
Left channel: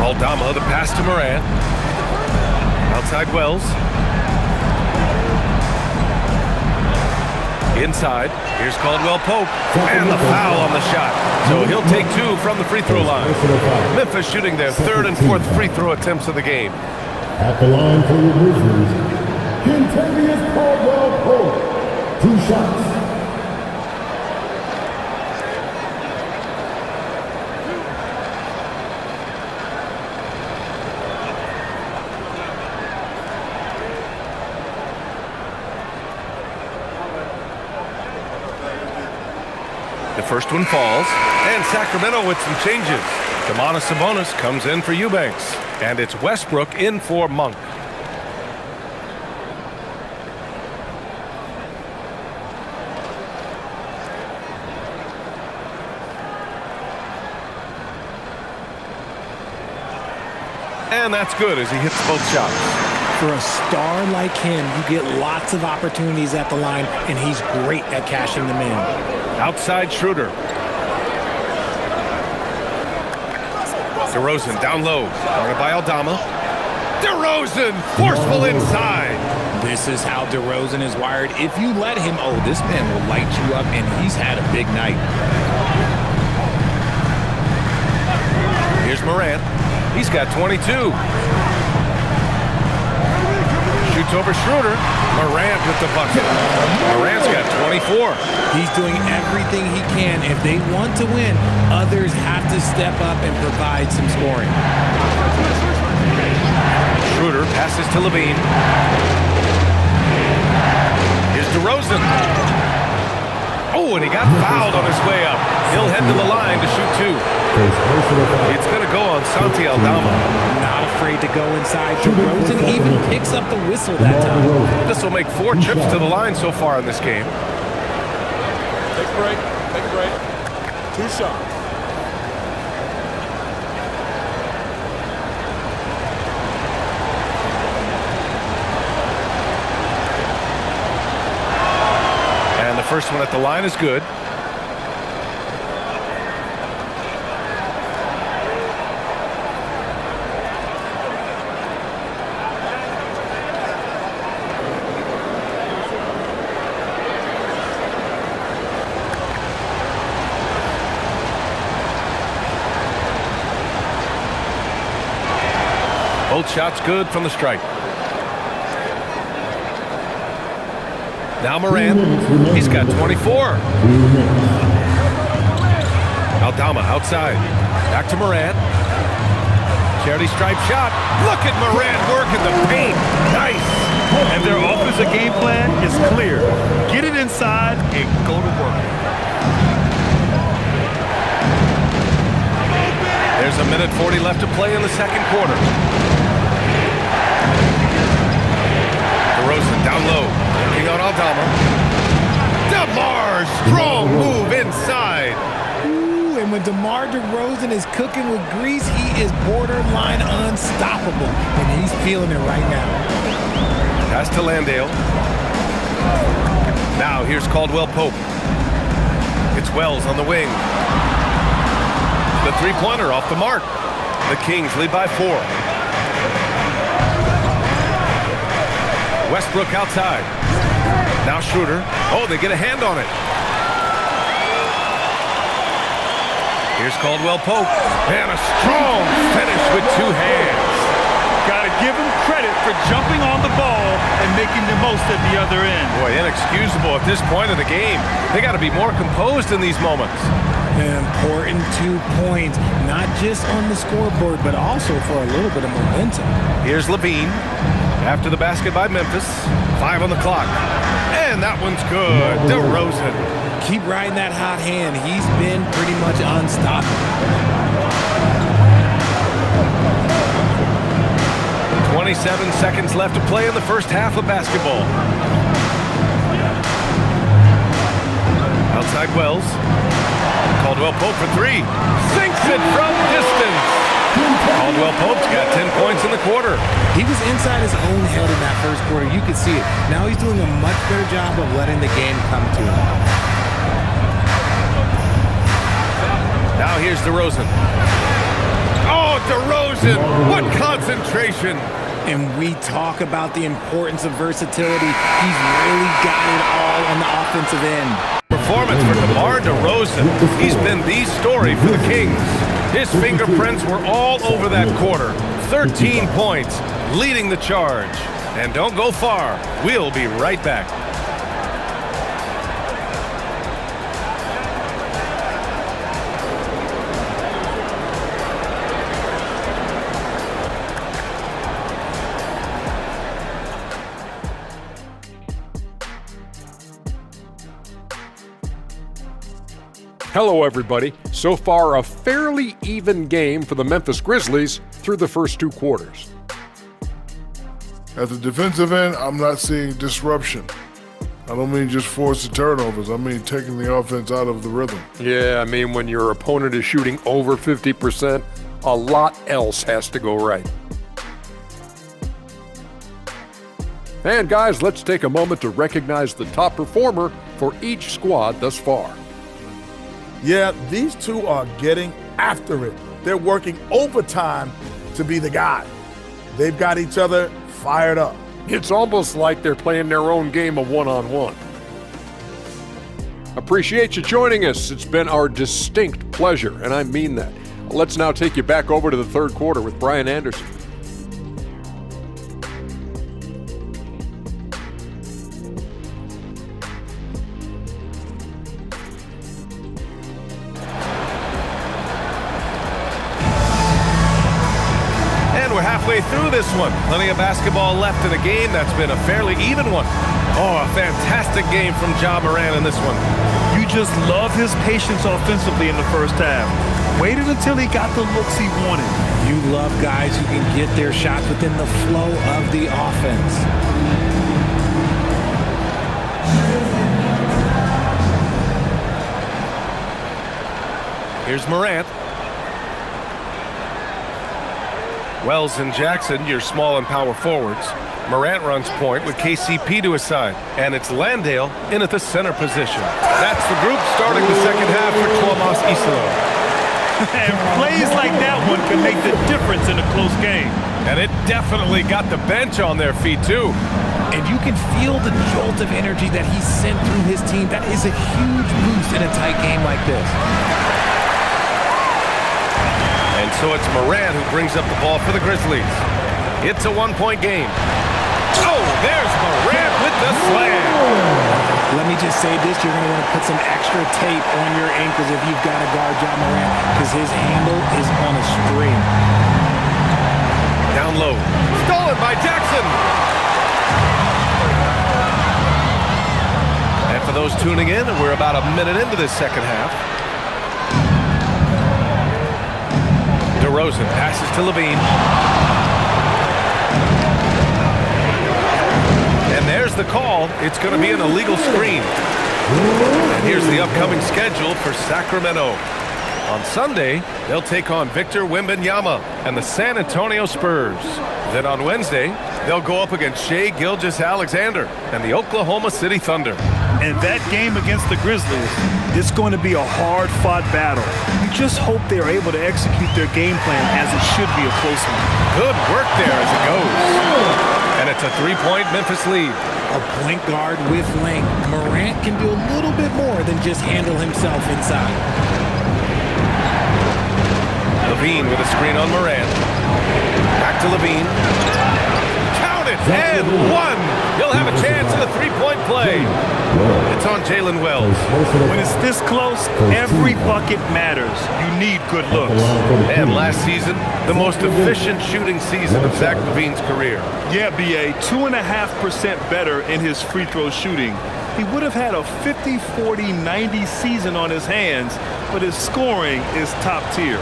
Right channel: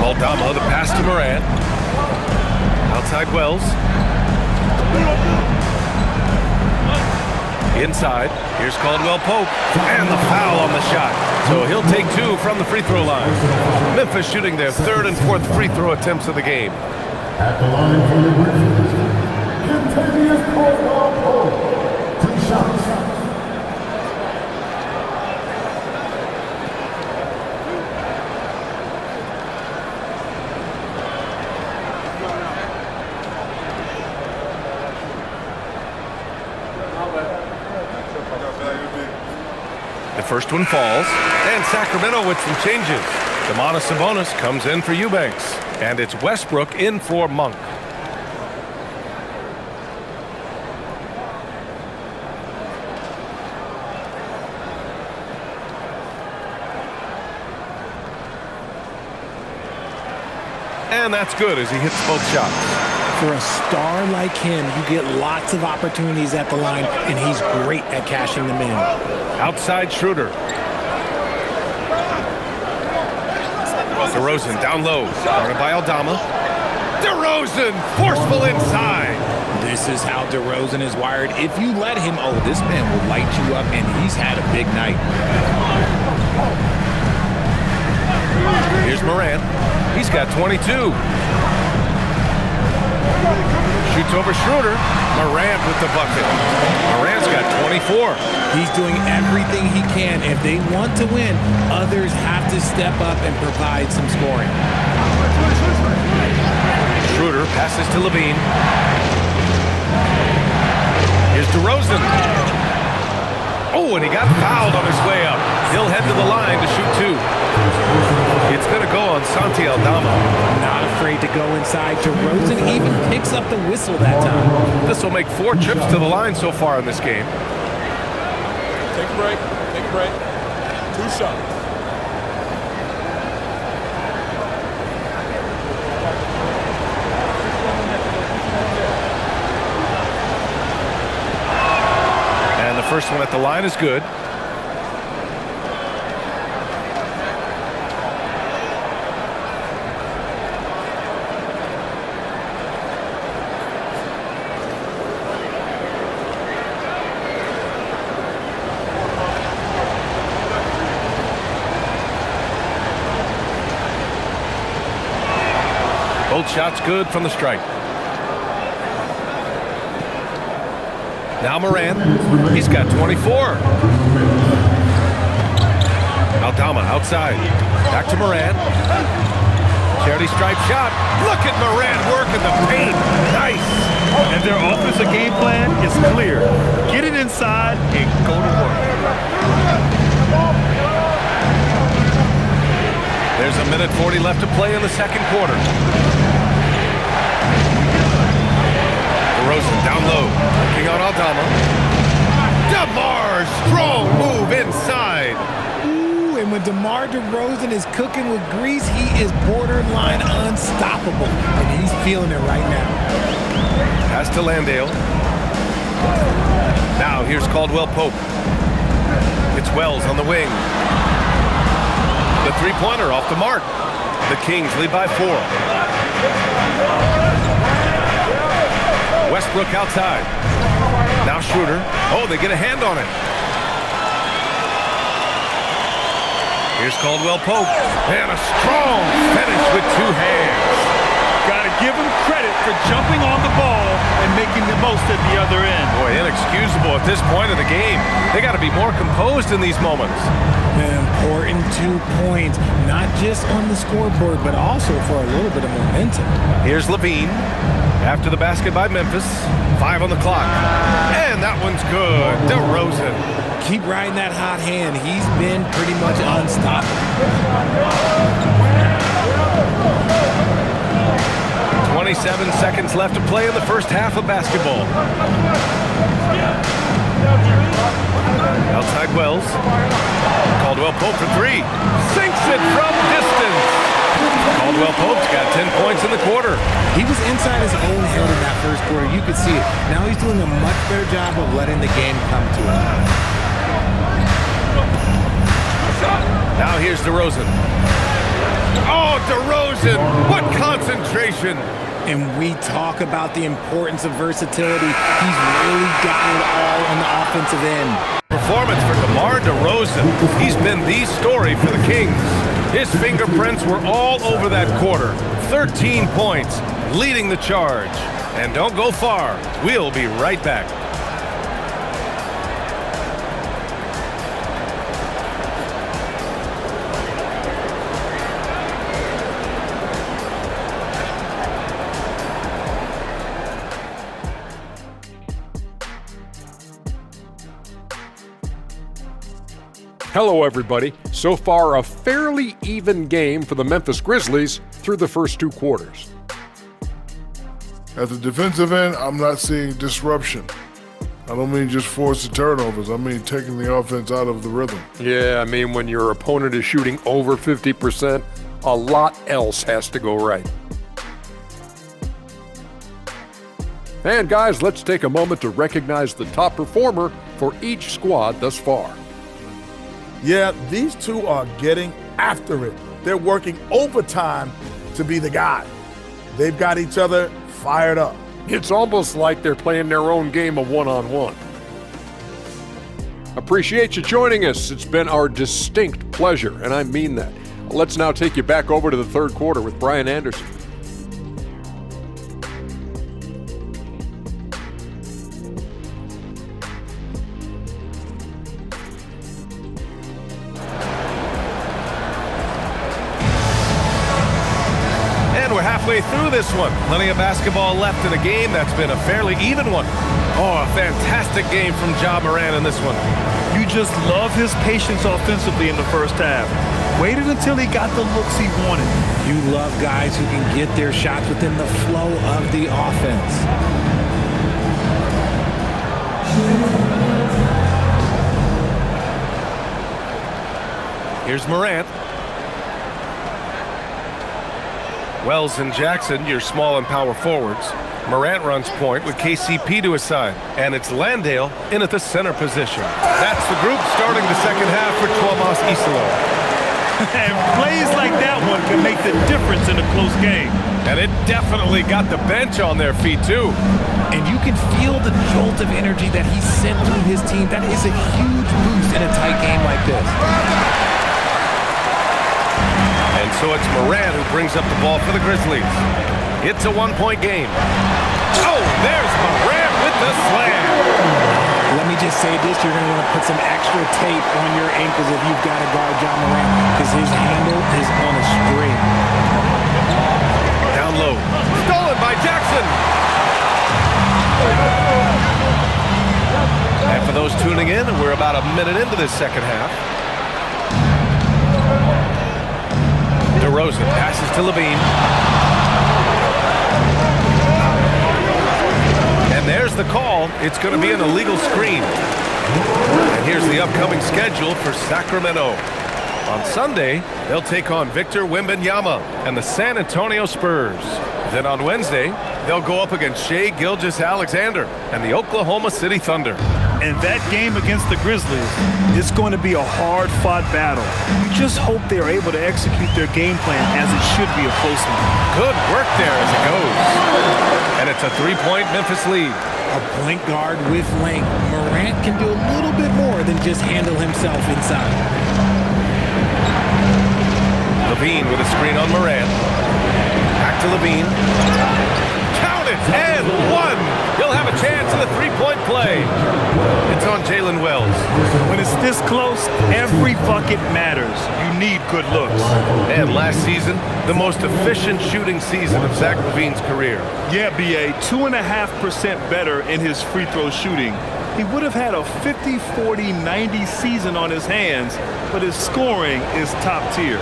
Aldama, the pass to Moran. Outside Wells. Inside. Here's Caldwell Pope. And the foul on the shot. So he'll take 2 from the free throw line. Memphis shooting their 3rd and 4th free throw attempts of the game. At the line for your Grizzlies, Katangos Caldwell Pope. 2 shots. The first one falls, and Sacramento with some changes. Domantas Sabonis comes in for Eubanks, and it's Westbrook in for Monk. And that's good as he hits both shots. For a star like him, you get lots of opportunities at the line, and he's great at cashing them in. Outside Schroeder. DeRozan down low. Guarded by Aldama. DeRozan forceful inside. This is how DeRozan is wired. If you let him, this man will light you up, and he's had a big night. Here's Morant. He's got 22. Shoots over Schroeder. Morant with the bucket. Morant's got 24. He's doing everything he can. If they want to win, others have to step up and provide some scoring. Schroeder passes to Levine. Here's DeRozan. Oh, and he got fouled on his way up. He'll head to the line to shoot 2. It's going to go on Santi Aldama. Not afraid to go inside. DeRozan even picks up the whistle that time. This will make 4 trips to the line so far in this game. Take a break. Take a break. 2 shots. And the first one at the line is good. Both shots good from the stripe. Now Morant, he's got 24. Aldama outside. Back to Morant. Charity stripe shot. Look at Morant working the paint. Nice. And their offensive game plan is clear. Get it inside and go to work. There's a minute 40 left to play in the second quarter. DeRozan down low, working on Aldama. DeMar, strong move inside. Ooh, and when DeMar DeRozan is cooking with grease, he is borderline unstoppable. And he's feeling it right now. Pass to Landale. Now here's Caldwell Pope. It's Wells on the wing. The three-pointer off the mark. The Kings lead by 4. Westbrook outside. Now Schroeder. Oh, they get a hand on it. Here's Caldwell Pope. And a strong finish with 2 hands. Got to give him credit for jumping on the ball and making the most at the other end. Boy, inexcusable at this point of the game. They got to be more composed in these moments. An important 2 points, not just on the scoreboard, but also for a little bit of momentum. Here's Levine. After the basket by Memphis. 5 on the clock. And that one's good. DeRozan. Keep riding that hot hand. He's been pretty much unstoppable. 27 seconds left to play in the first half of basketball. Outside Wells. Caldwell Pope for 3. Sinks it from distance. Caldwell Pope's got 10 points in the quarter. He was inside his own head in that first quarter. You could see it. Now he's doing a much better job of letting the game come to him. Now here's DeRozan. Oh, DeRozan! What concentration! And we talk about the importance of versatility. He's really got it all on the offensive end. Performance for DeMar DeRozan. He's been the story for the Kings. His fingerprints were all over that quarter. 13 points, leading the charge. And don't go far. We'll be right back. Hello, everybody. So far, a fairly even game for the Memphis Grizzlies through the first 2 quarters. At the defensive end, I'm not seeing disruption. I don't mean just forced turnovers. I mean taking the offense out of the rhythm. Yeah, I mean, when your opponent is shooting over 50%, a lot else has to go right. And guys, let's take a moment to recognize the top performer for each squad thus far. Yeah, these two are getting after it. They're working overtime to be the guy. They've got each other fired up. It's almost like they're playing their own game of one-on-one. Appreciate you joining us. It's been our distinct pleasure, and I mean that. Let's now take you back over to the third quarter with Brian Anderson. midway through this one. Plenty of basketball left in a game that's been a fairly even one. Oh, a fantastic game from Ja Morant in this one. You just love his patience offensively in the first half. Waited until he got the looks he wanted. You love guys who can get their shots within the flow of the offense. Here's Morant. Wells and Jackson, your small and power forwards. Morant runs point with KCP to his side. And it's Landale in at the center position. That's the group starting the second half for Tuomas Isalo. And plays like that one can make the difference in a close game. And it definitely got the bench on their feet, too. And you can feel the jolt of energy that he sent through his team. That is a huge boost in a tight game like this. And so it's Morant who brings up the ball for the Grizzlies. It's a one-point game. Oh, there's Morant with the slam. Let me just say this, you're going to want to put some extra tape on your ankles if you've got to guard Ja Morant, because his handle is on a string. Down low. Stolen by Jackson. And for those tuning in, we're about a minute into this second half. DeRozan passes to Levine. And there's the call. It's going to be an illegal screen. And here's the upcoming schedule for Sacramento. On Sunday, they'll take on Victor Wembanyama and the San Antonio Spurs. Then on Wednesday, they'll go up against Shai Gilgeous-Alexander and the Oklahoma City Thunder. And that game against the Grizzlies is going to be a hard-fought battle. You just hope they are able to execute their game plan as it should be a close one. Good work there as it goes. And it's a three-point Memphis lead. A point guard with length. Morant can do a little bit more than just handle himself inside. Levine with a screen on Morant. Back to Levine. Count it, and one. He'll have a chance in the three-point play. It's on Jalen Wells. When it's this close, every bucket matters. You need good looks. And last season, the most efficient shooting season of Zach LaVine's career. Yeah, B.A., 2.5% better in his free throw shooting. He would have had a 50, 40, 90 season on his hands, but his scoring is top tier.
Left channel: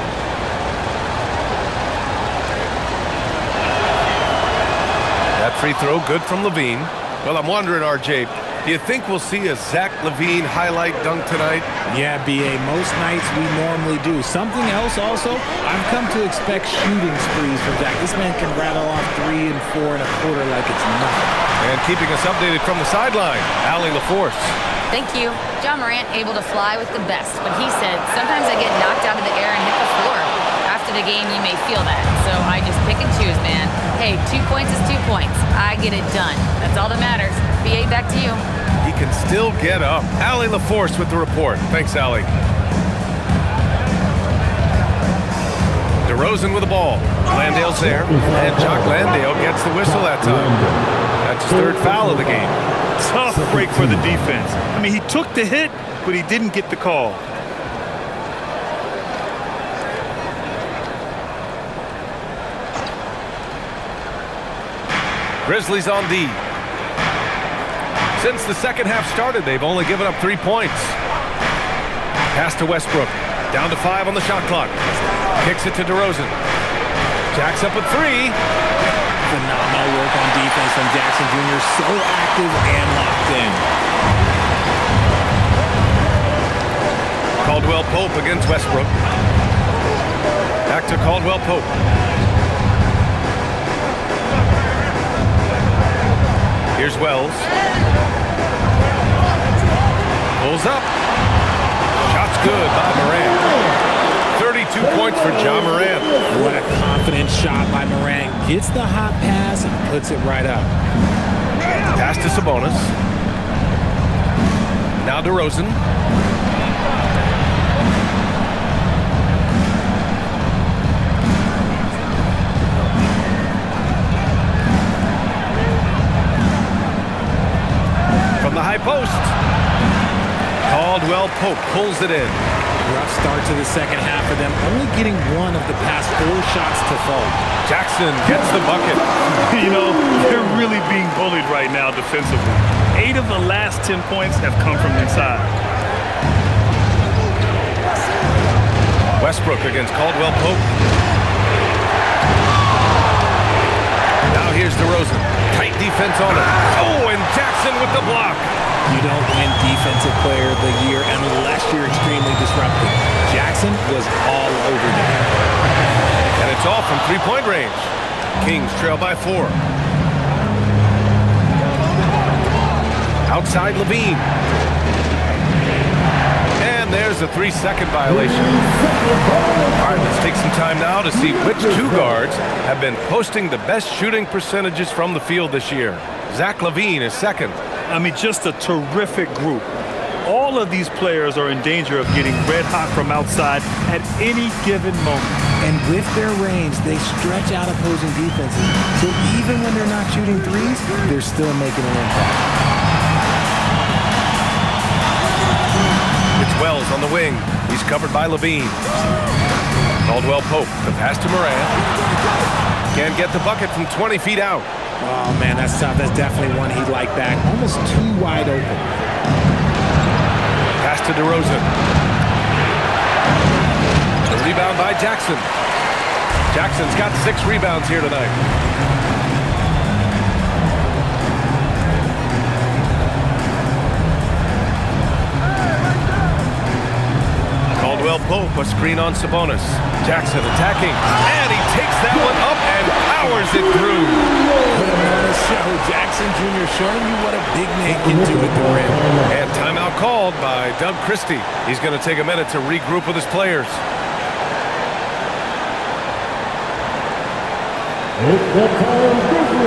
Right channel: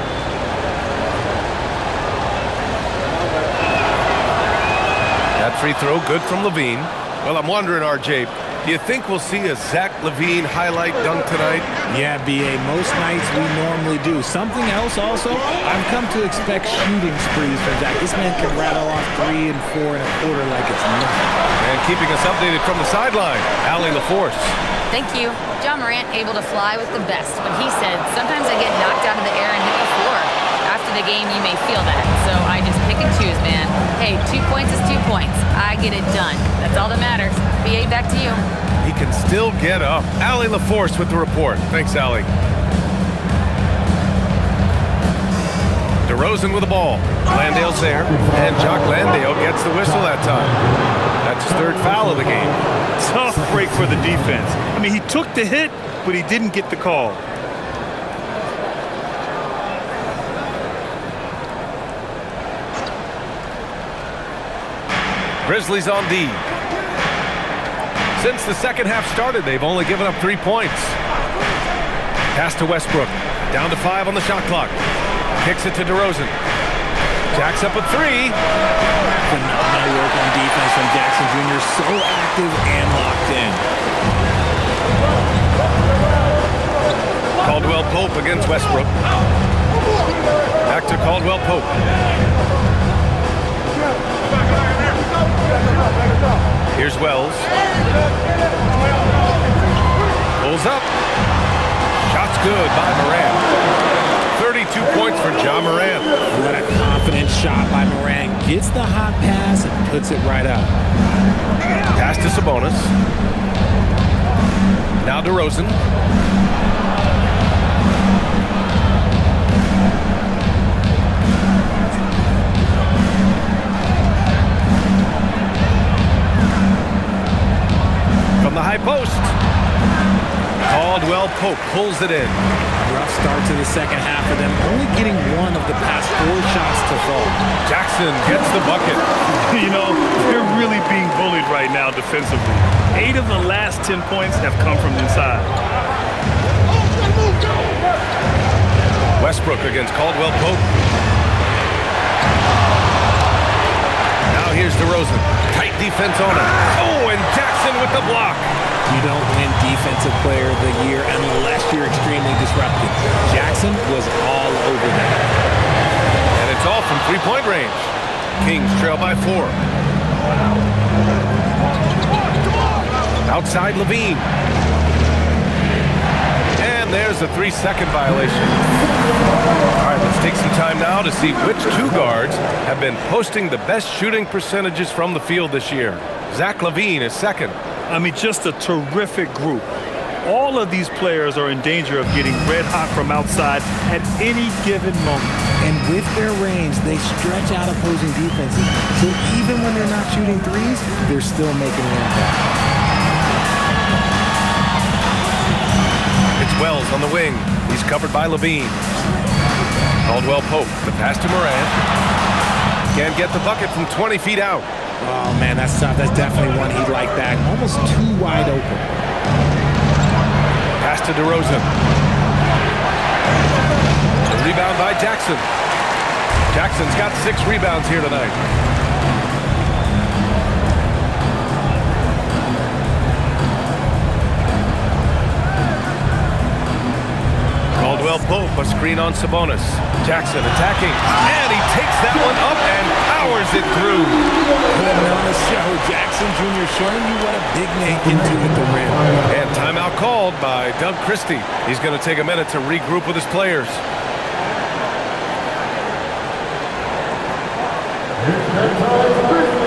That free throw good from LaVine. Well, I'm wondering, RJ, do you think we'll see a Zach LaVine highlight dunk tonight? Yeah, B.A., most nights we normally do. Something else also, I've come to expect shooting sprees from Zach. This man can rattle off 3 and 4 and a quarter like it's nothing. And keeping us updated from the sideline, Allie LaForce. Thank you. Ja Morant able to fly with the best, but he said, sometimes I get knocked out of the air and hit the floor. After the game, you may feel that, so I just pick and choose, man. Hey, 2 points is 2 points. I get it done. That's all that matters. B.A., back to you. He can still get up. Allie LaForce with the report. Thanks, Allie. DeRozan with the ball. Landale's there, and Jock Landale gets the whistle that time. That's his third foul of the game. Tough break for the defense. I mean, he took the hit, but he didn't get the call. Grizzlies on D. Since the second half started, they've only given up 3 points. Pass to Westbrook. Down to 5 on the shot clock. Kicks it to DeRozan. Jacks up a 3. Phenomenal work on defense from Jackson Jr. So active and locked in. Caldwell Pope against Westbrook. Back to Caldwell Pope. Here's Wells. Pulls up. Shot's good by Morant. 32 points for Ja Morant. What a confident shot by Morant. Gets the hot pass and puts it right up. Pass to Sabonis. Now DeRozan. From the high post. Caldwell Pope pulls it in. Rough start to the second half for them, only getting one of the past 4 shots to fall. Jackson gets the bucket. You know, they're really being bullied right now defensively. 8 of the last 10 points have come from inside. Westbrook against Caldwell Pope. Now here's DeRozan. Tight defense on him. Oh, and Jackson with the block. You don't win Defensive Player of the Year unless you're extremely disruptive. Jackson was all over that. And it's all from three-point range. Kings trail by 4. Outside Levine. And there's a 3-second violation. All right, let's take some time now to see which 2 guards have been posting the best shooting percentages from the field this year. Zach LaVine is second. I mean, just a terrific group. All of these players are in danger of getting red hot from outside at any given moment. And with their range, they stretch out opposing defenses. So even when they're not shooting threes, they're still making an impact. It's Wells on the wing. He's covered by Levine. Caldwell Pope, the pass to Morant. Can't get the bucket from 20 feet out. Oh, man, that's tough. That's definitely one he'd like back. Almost too wide open. Pass to DeRozan. The rebound by Jackson. Jackson's got 6 rebounds here tonight. Caldwell Pope, a screen on Sabonis. Jackson attacking, and he takes that one up and powers it through. Putting on a show. Jackson Jr. showing you what a big man can do at the rim. And timeout called by Doug Christie. He's going to take a minute to regroup with his players. It's that time, Grizzlies.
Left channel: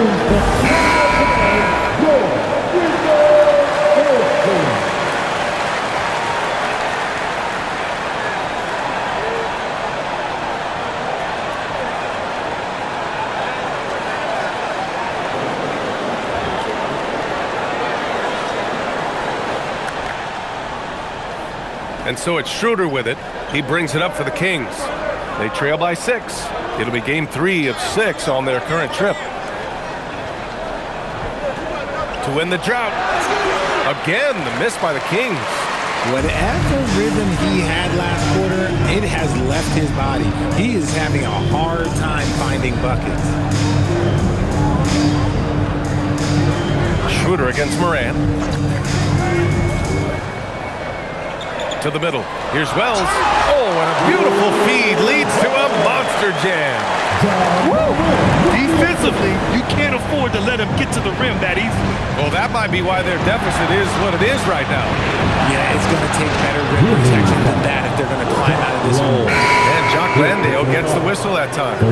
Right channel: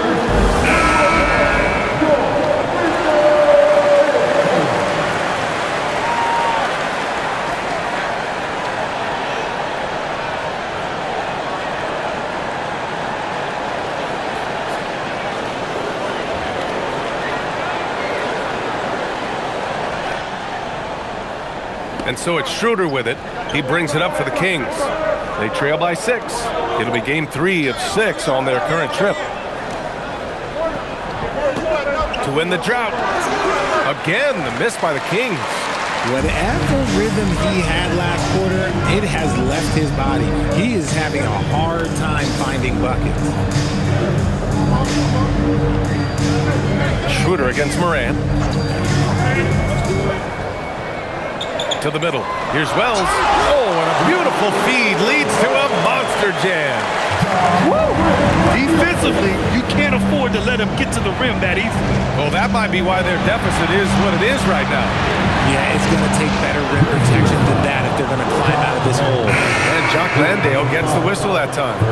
And so it's Schroeder with it. He brings it up for the Kings. They trail by 6. It'll be game 3 of 6 on their current trip. To win the drought. Again, the miss by the Kings. Whatever rhythm he had last quarter, it has left his body. He is having a hard time finding buckets. Schroeder against Morant. To the middle. Here's Wells. Oh, and a beautiful feed leads to a monster jam. Woo! Defensively, you can't afford to let him get to the rim that easily. Well, that might be why their deficit is what it is right now. Yeah, it's going to take better rim protection than that if they're going to climb out of this hole. And Jock Landale gets the whistle that time.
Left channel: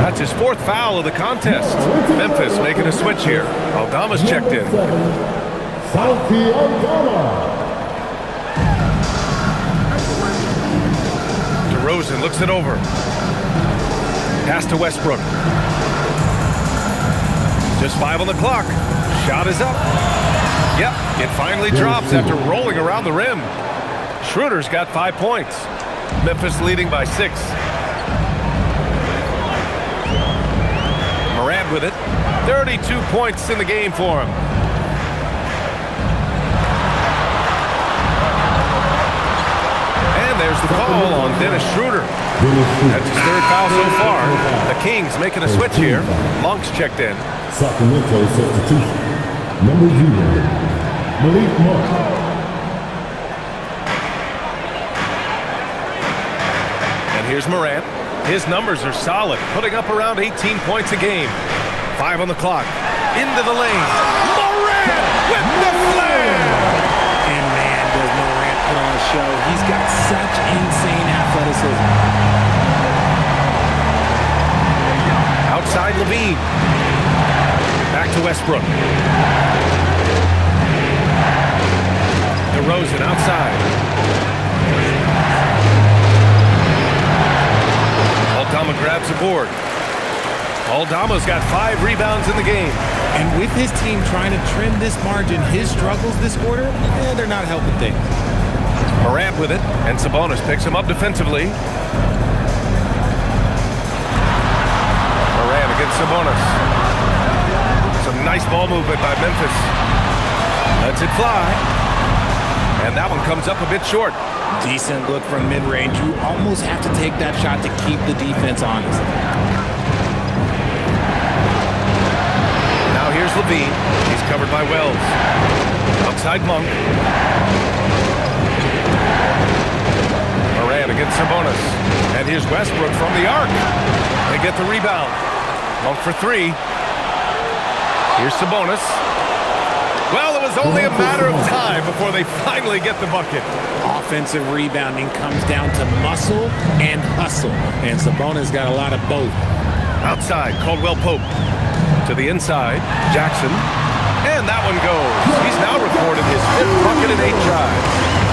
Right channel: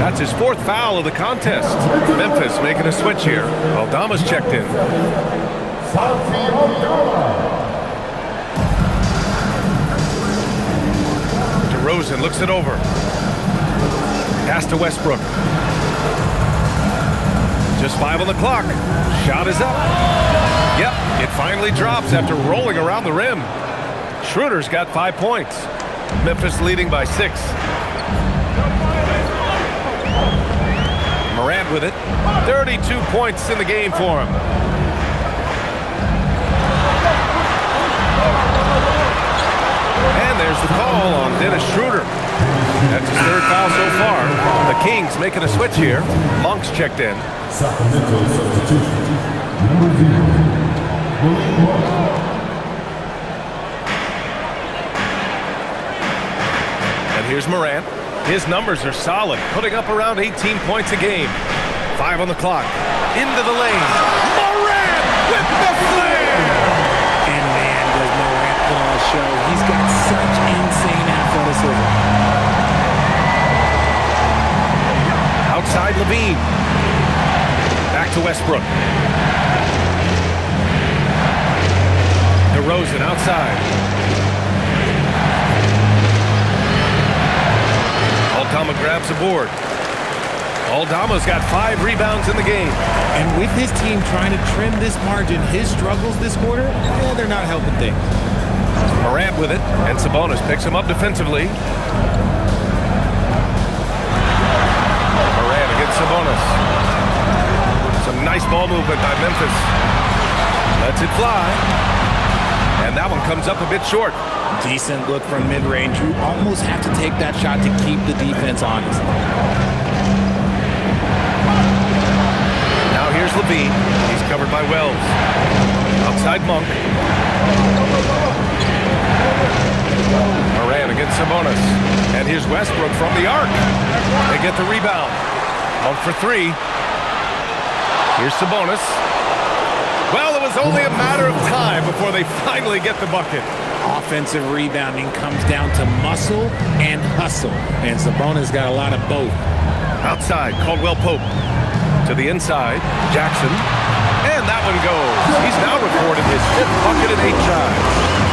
That's his 4th foul of the contest. Memphis making a switch here. Aldama's checked in. Santi Aldama. DeRozan looks it over. Pass to Westbrook. Just 5 on the clock. Shot is up. Yep, it finally drops after rolling around the rim. Schroeder's got 5 points. Memphis leading by 6. Morant with it. 32 points in the game for him. And there's the call on Dennis Schroeder. That's his 3rd foul so far. The Kings making a switch here. Monk's checked in. Sacramento substitution. Number 0, Malik Monk. And here's Morant. His numbers are solid, putting up around 18 points a game. 5 on the clock. Into the lane. Morant with the flare! And man, does Morant put on a show. He's got such insane athleticism. Outside Levine. Back to Westbrook. DeRozan outside. Aldama grabs the board. Aldama's got 5 rebounds in the game. And with his team trying to trim this margin, his struggles this quarter, they're not helping things. Morant with it, and Sabonis picks him up defensively. Morant against Sabonis. Some nice ball movement by Memphis. Lets it fly. And that one comes up a bit short. Decent look from mid-range. You almost have to take that shot to keep the defense honest. Now here's Levine. He's covered by Wells. Outside Monk. Morant against Sabonis. And here's Westbrook from the arc. They get the rebound. Monk for three. Here's Sabonis. Well, it was only a matter of time before they finally get the bucket. Offensive rebounding comes down to muscle and hustle. And Sabonis got a lot of both. Outside, Caldwell Pope. To the inside, Jackson. And that one goes. He's now recorded his 5th bucket in 8 tries.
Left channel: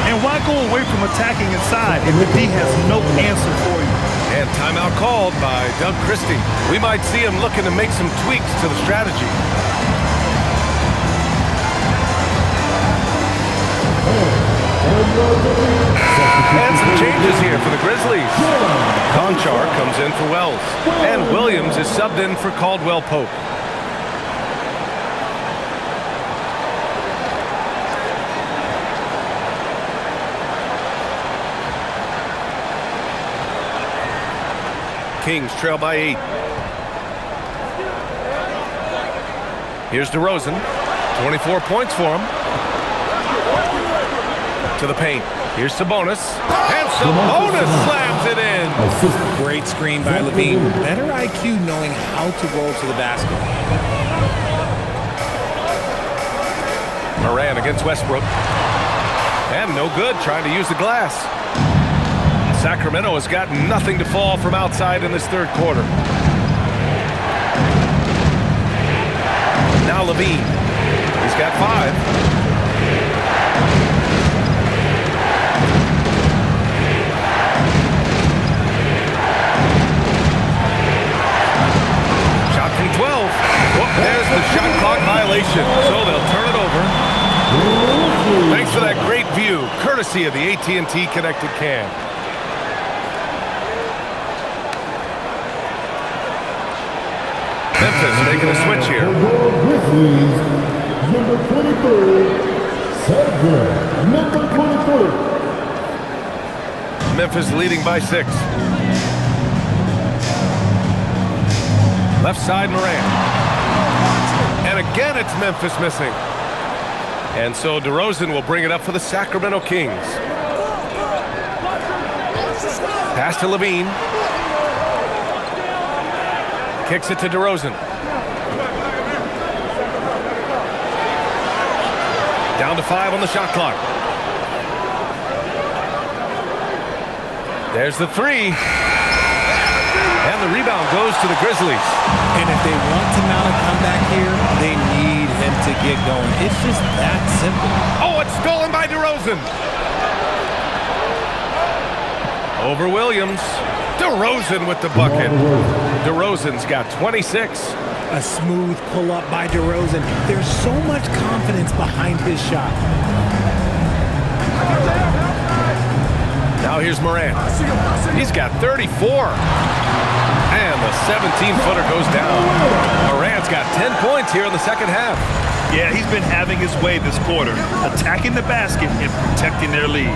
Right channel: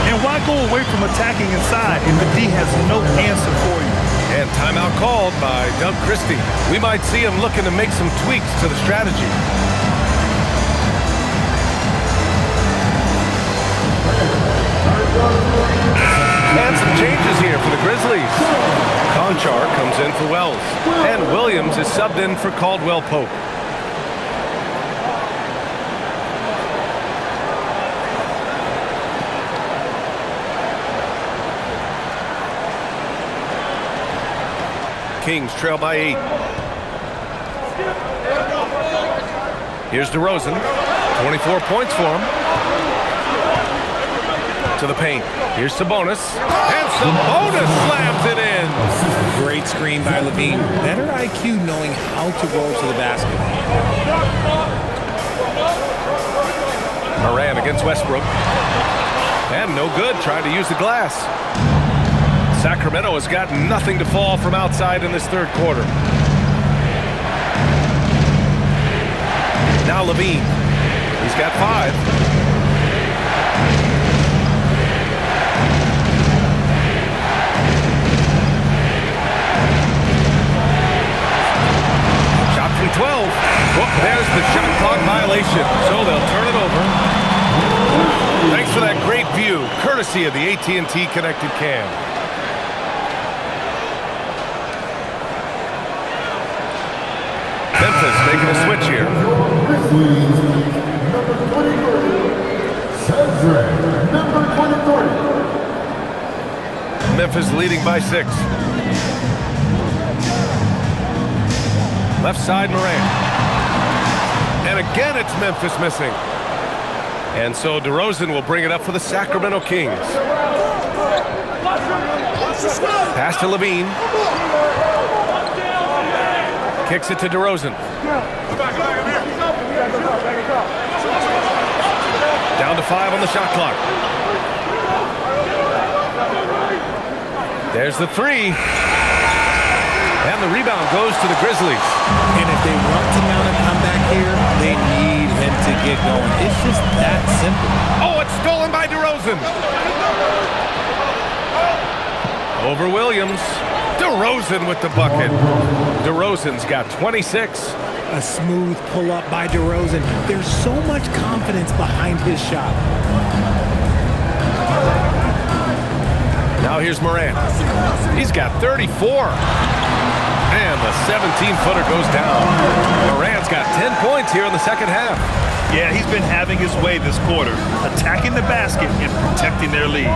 And why go away from attacking inside if the D has no answer for you? And timeout called by Doug Christie. We might see him looking to make some tweaks to the strategy. And some changes here for the Grizzlies. Conchar comes in for Wells. And Williams is subbed in for Caldwell Pope. Kings trail by 8. Here's DeRozan. 24 points for him. To the paint. Here's Sabonis. And Sabonis slams it in. Great screen by Levine. Better IQ knowing how to roll to the basket. Morant against Westbrook. And no good, trying to use the glass. Sacramento has got nothing to fall from outside in this 3rd quarter. Now Levine. He's got 5. Shot from 12. Whoop, there's the shot clock violation. So they'll turn it over. Thanks for that great view, courtesy of the AT&T Connected Cam. Memphis making a switch here. Grizzlies, number 23, Cedric, number 23. Memphis leading by 6. Left side, Morant. And again, it's Memphis missing. And so DeRozan will bring it up for the Sacramento Kings. Pass to Levine. Kicks it to DeRozan. Down to 5 on the shot clock. There's the 3. And the rebound goes to the Grizzlies. And if they want to mount a comeback here, they need him to get going. It's just that simple. Oh, it's stolen by DeRozan. Over Williams. DeRozan with the bucket. DeRozan's got 26. A smooth pull-up by DeRozan. There's so much confidence behind his shot. Now here's Morant. He's got 34. And the 17-footer goes down. Morant's got 10 points here in the 2nd half. Yeah, he's been having his way this quarter, attacking the basket and protecting their lead.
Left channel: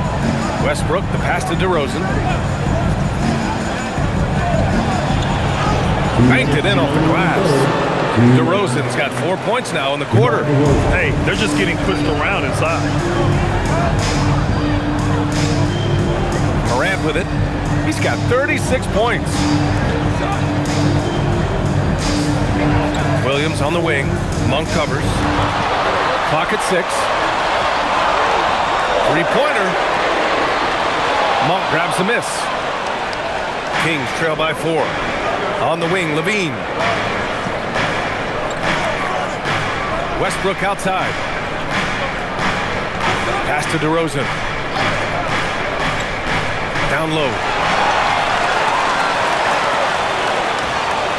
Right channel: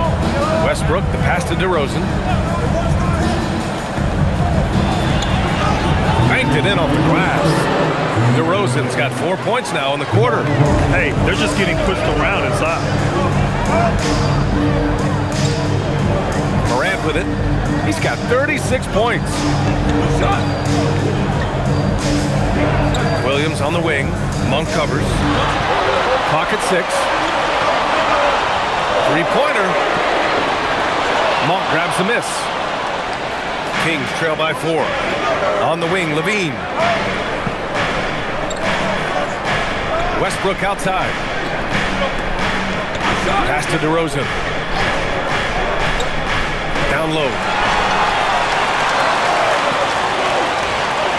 Westbrook, the pass to DeRozan. Banked it in off the glass. DeRozan's got 4 points now in the quarter. Hey, they're just getting pushed around inside. Morant with it. He's got 36 points. Williams on the wing. Monk covers. Clock at 6. 3-pointer. Monk grabs the miss. Kings trail by 4. On the wing, Levine. Westbrook outside. Pass to DeRozan. Down low.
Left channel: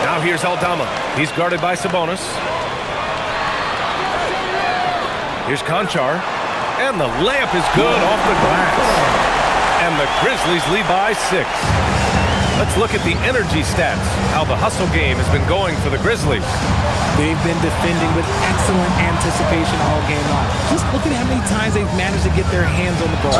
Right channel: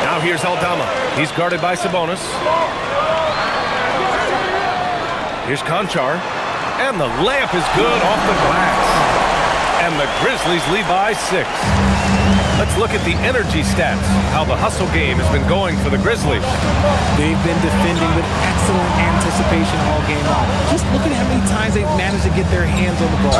Now here's Aldama. He's guarded by Sabonis. Here's Conchar. And the layup is good off the glass. And the Grizzlies lead by 6. Let's look at the energy stats, how the hustle game has been going for the Grizzlies. They've been defending with excellent anticipation all game long. Just look at how many times they've managed to get their hands on the ball.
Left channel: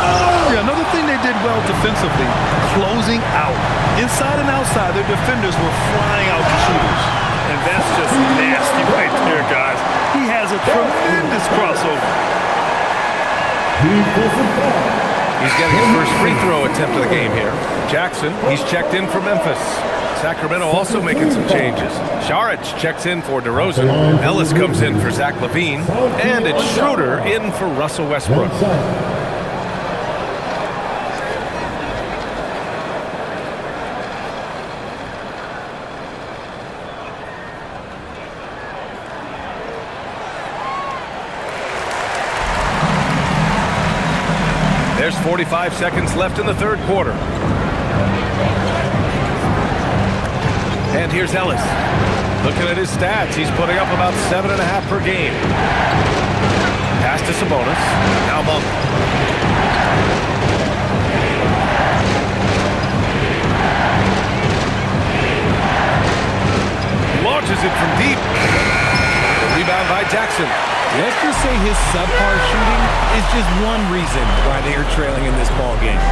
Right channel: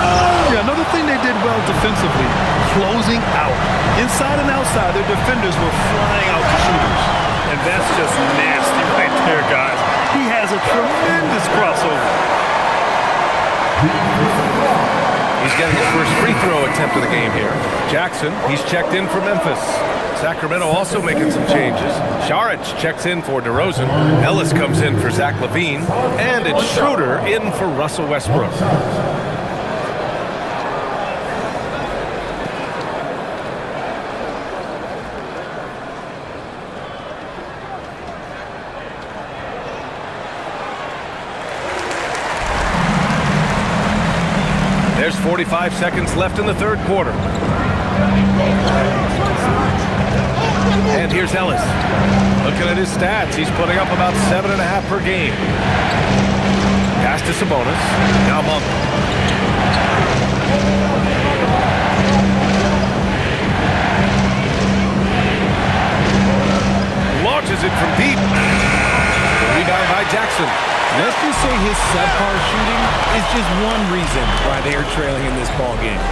Yeah, another thing they did well defensively, closing out. Inside and outside, their defenders were flying out to shooters. And that's just nasty right there, guys. He has a tremendous crossover. He's getting his first free throw attempt of the game here. Jackson, he's checked in for Memphis. Sacramento also making some changes. Saric checks in for DeRozan. Ellis comes in for Zach LaVine. And it's Schroeder in for Russell Westbrook. There's 45 seconds left in the third quarter. And here's Ellis. Looking at his stats, he's putting up about 7.5 per game. Pass to Sabonis. Now Monk. Launches it from deep. The rebound by Jackson. Let's just say his subpar shooting is just one reason why they are trailing in this ball game.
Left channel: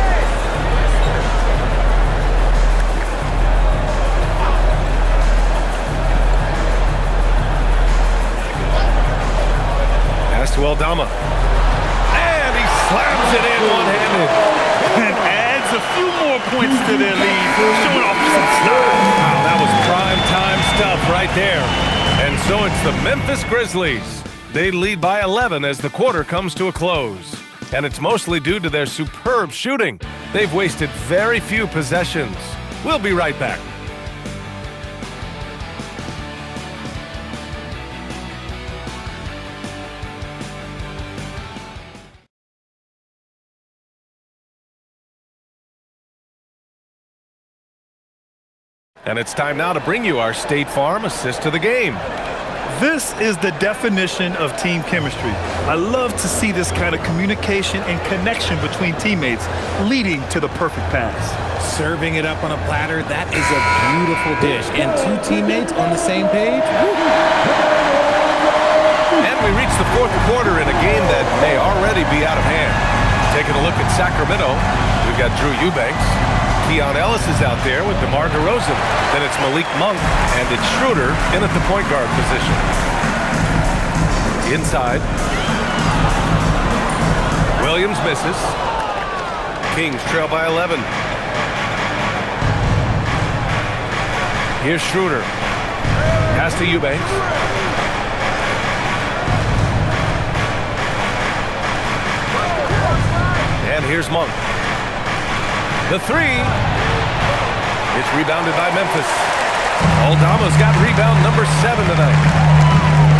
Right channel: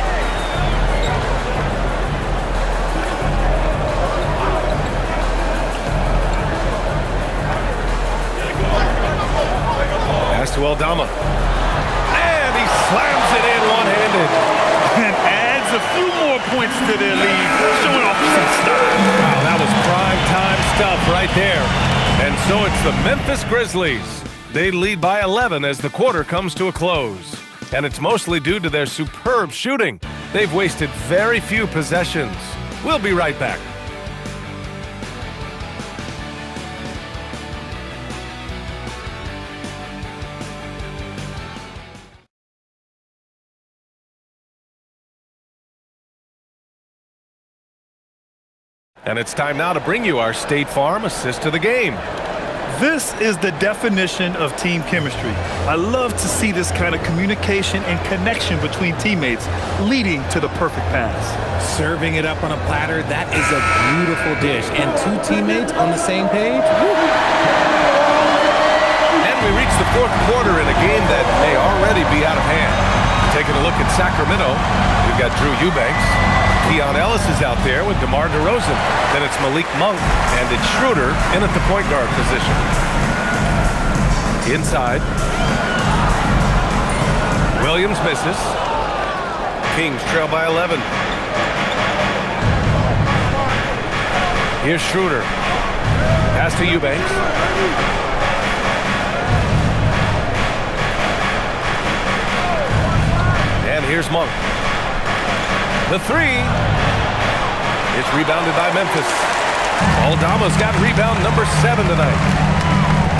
Pass to Aldama. And he slams it in one-handed. And adds a few more points to their lead, showing off some style. Wow, that was prime time stuff right there. And so it's the Memphis Grizzlies. They lead by 11 as the quarter comes to a close. And it's mostly due to their superb shooting. They've wasted very few possessions. We'll be right back. And it's time now to bring you our State Farm assist to the game. This is the definition of team chemistry. I love to see this kind of communication and connection between teammates leading to the perfect pass. Serving it up on a platter, that is a beautiful dish. And two teammates on the same page. Woo. And we reach the fourth quarter in a game that may already be out of hand. Taking a look at Sacramento, we've got Drew Eubanks. Keon Ellis is out there with DeMar DeRozan. Then it's Malik Monk, and it's Schroeder in at the point guard position. Inside. Williams misses. Kings trail by 11. Here's Schroeder. Pass to Eubanks. And here's Monk. The three. It's rebounded by Memphis. Aldama's got rebound number 7 tonight.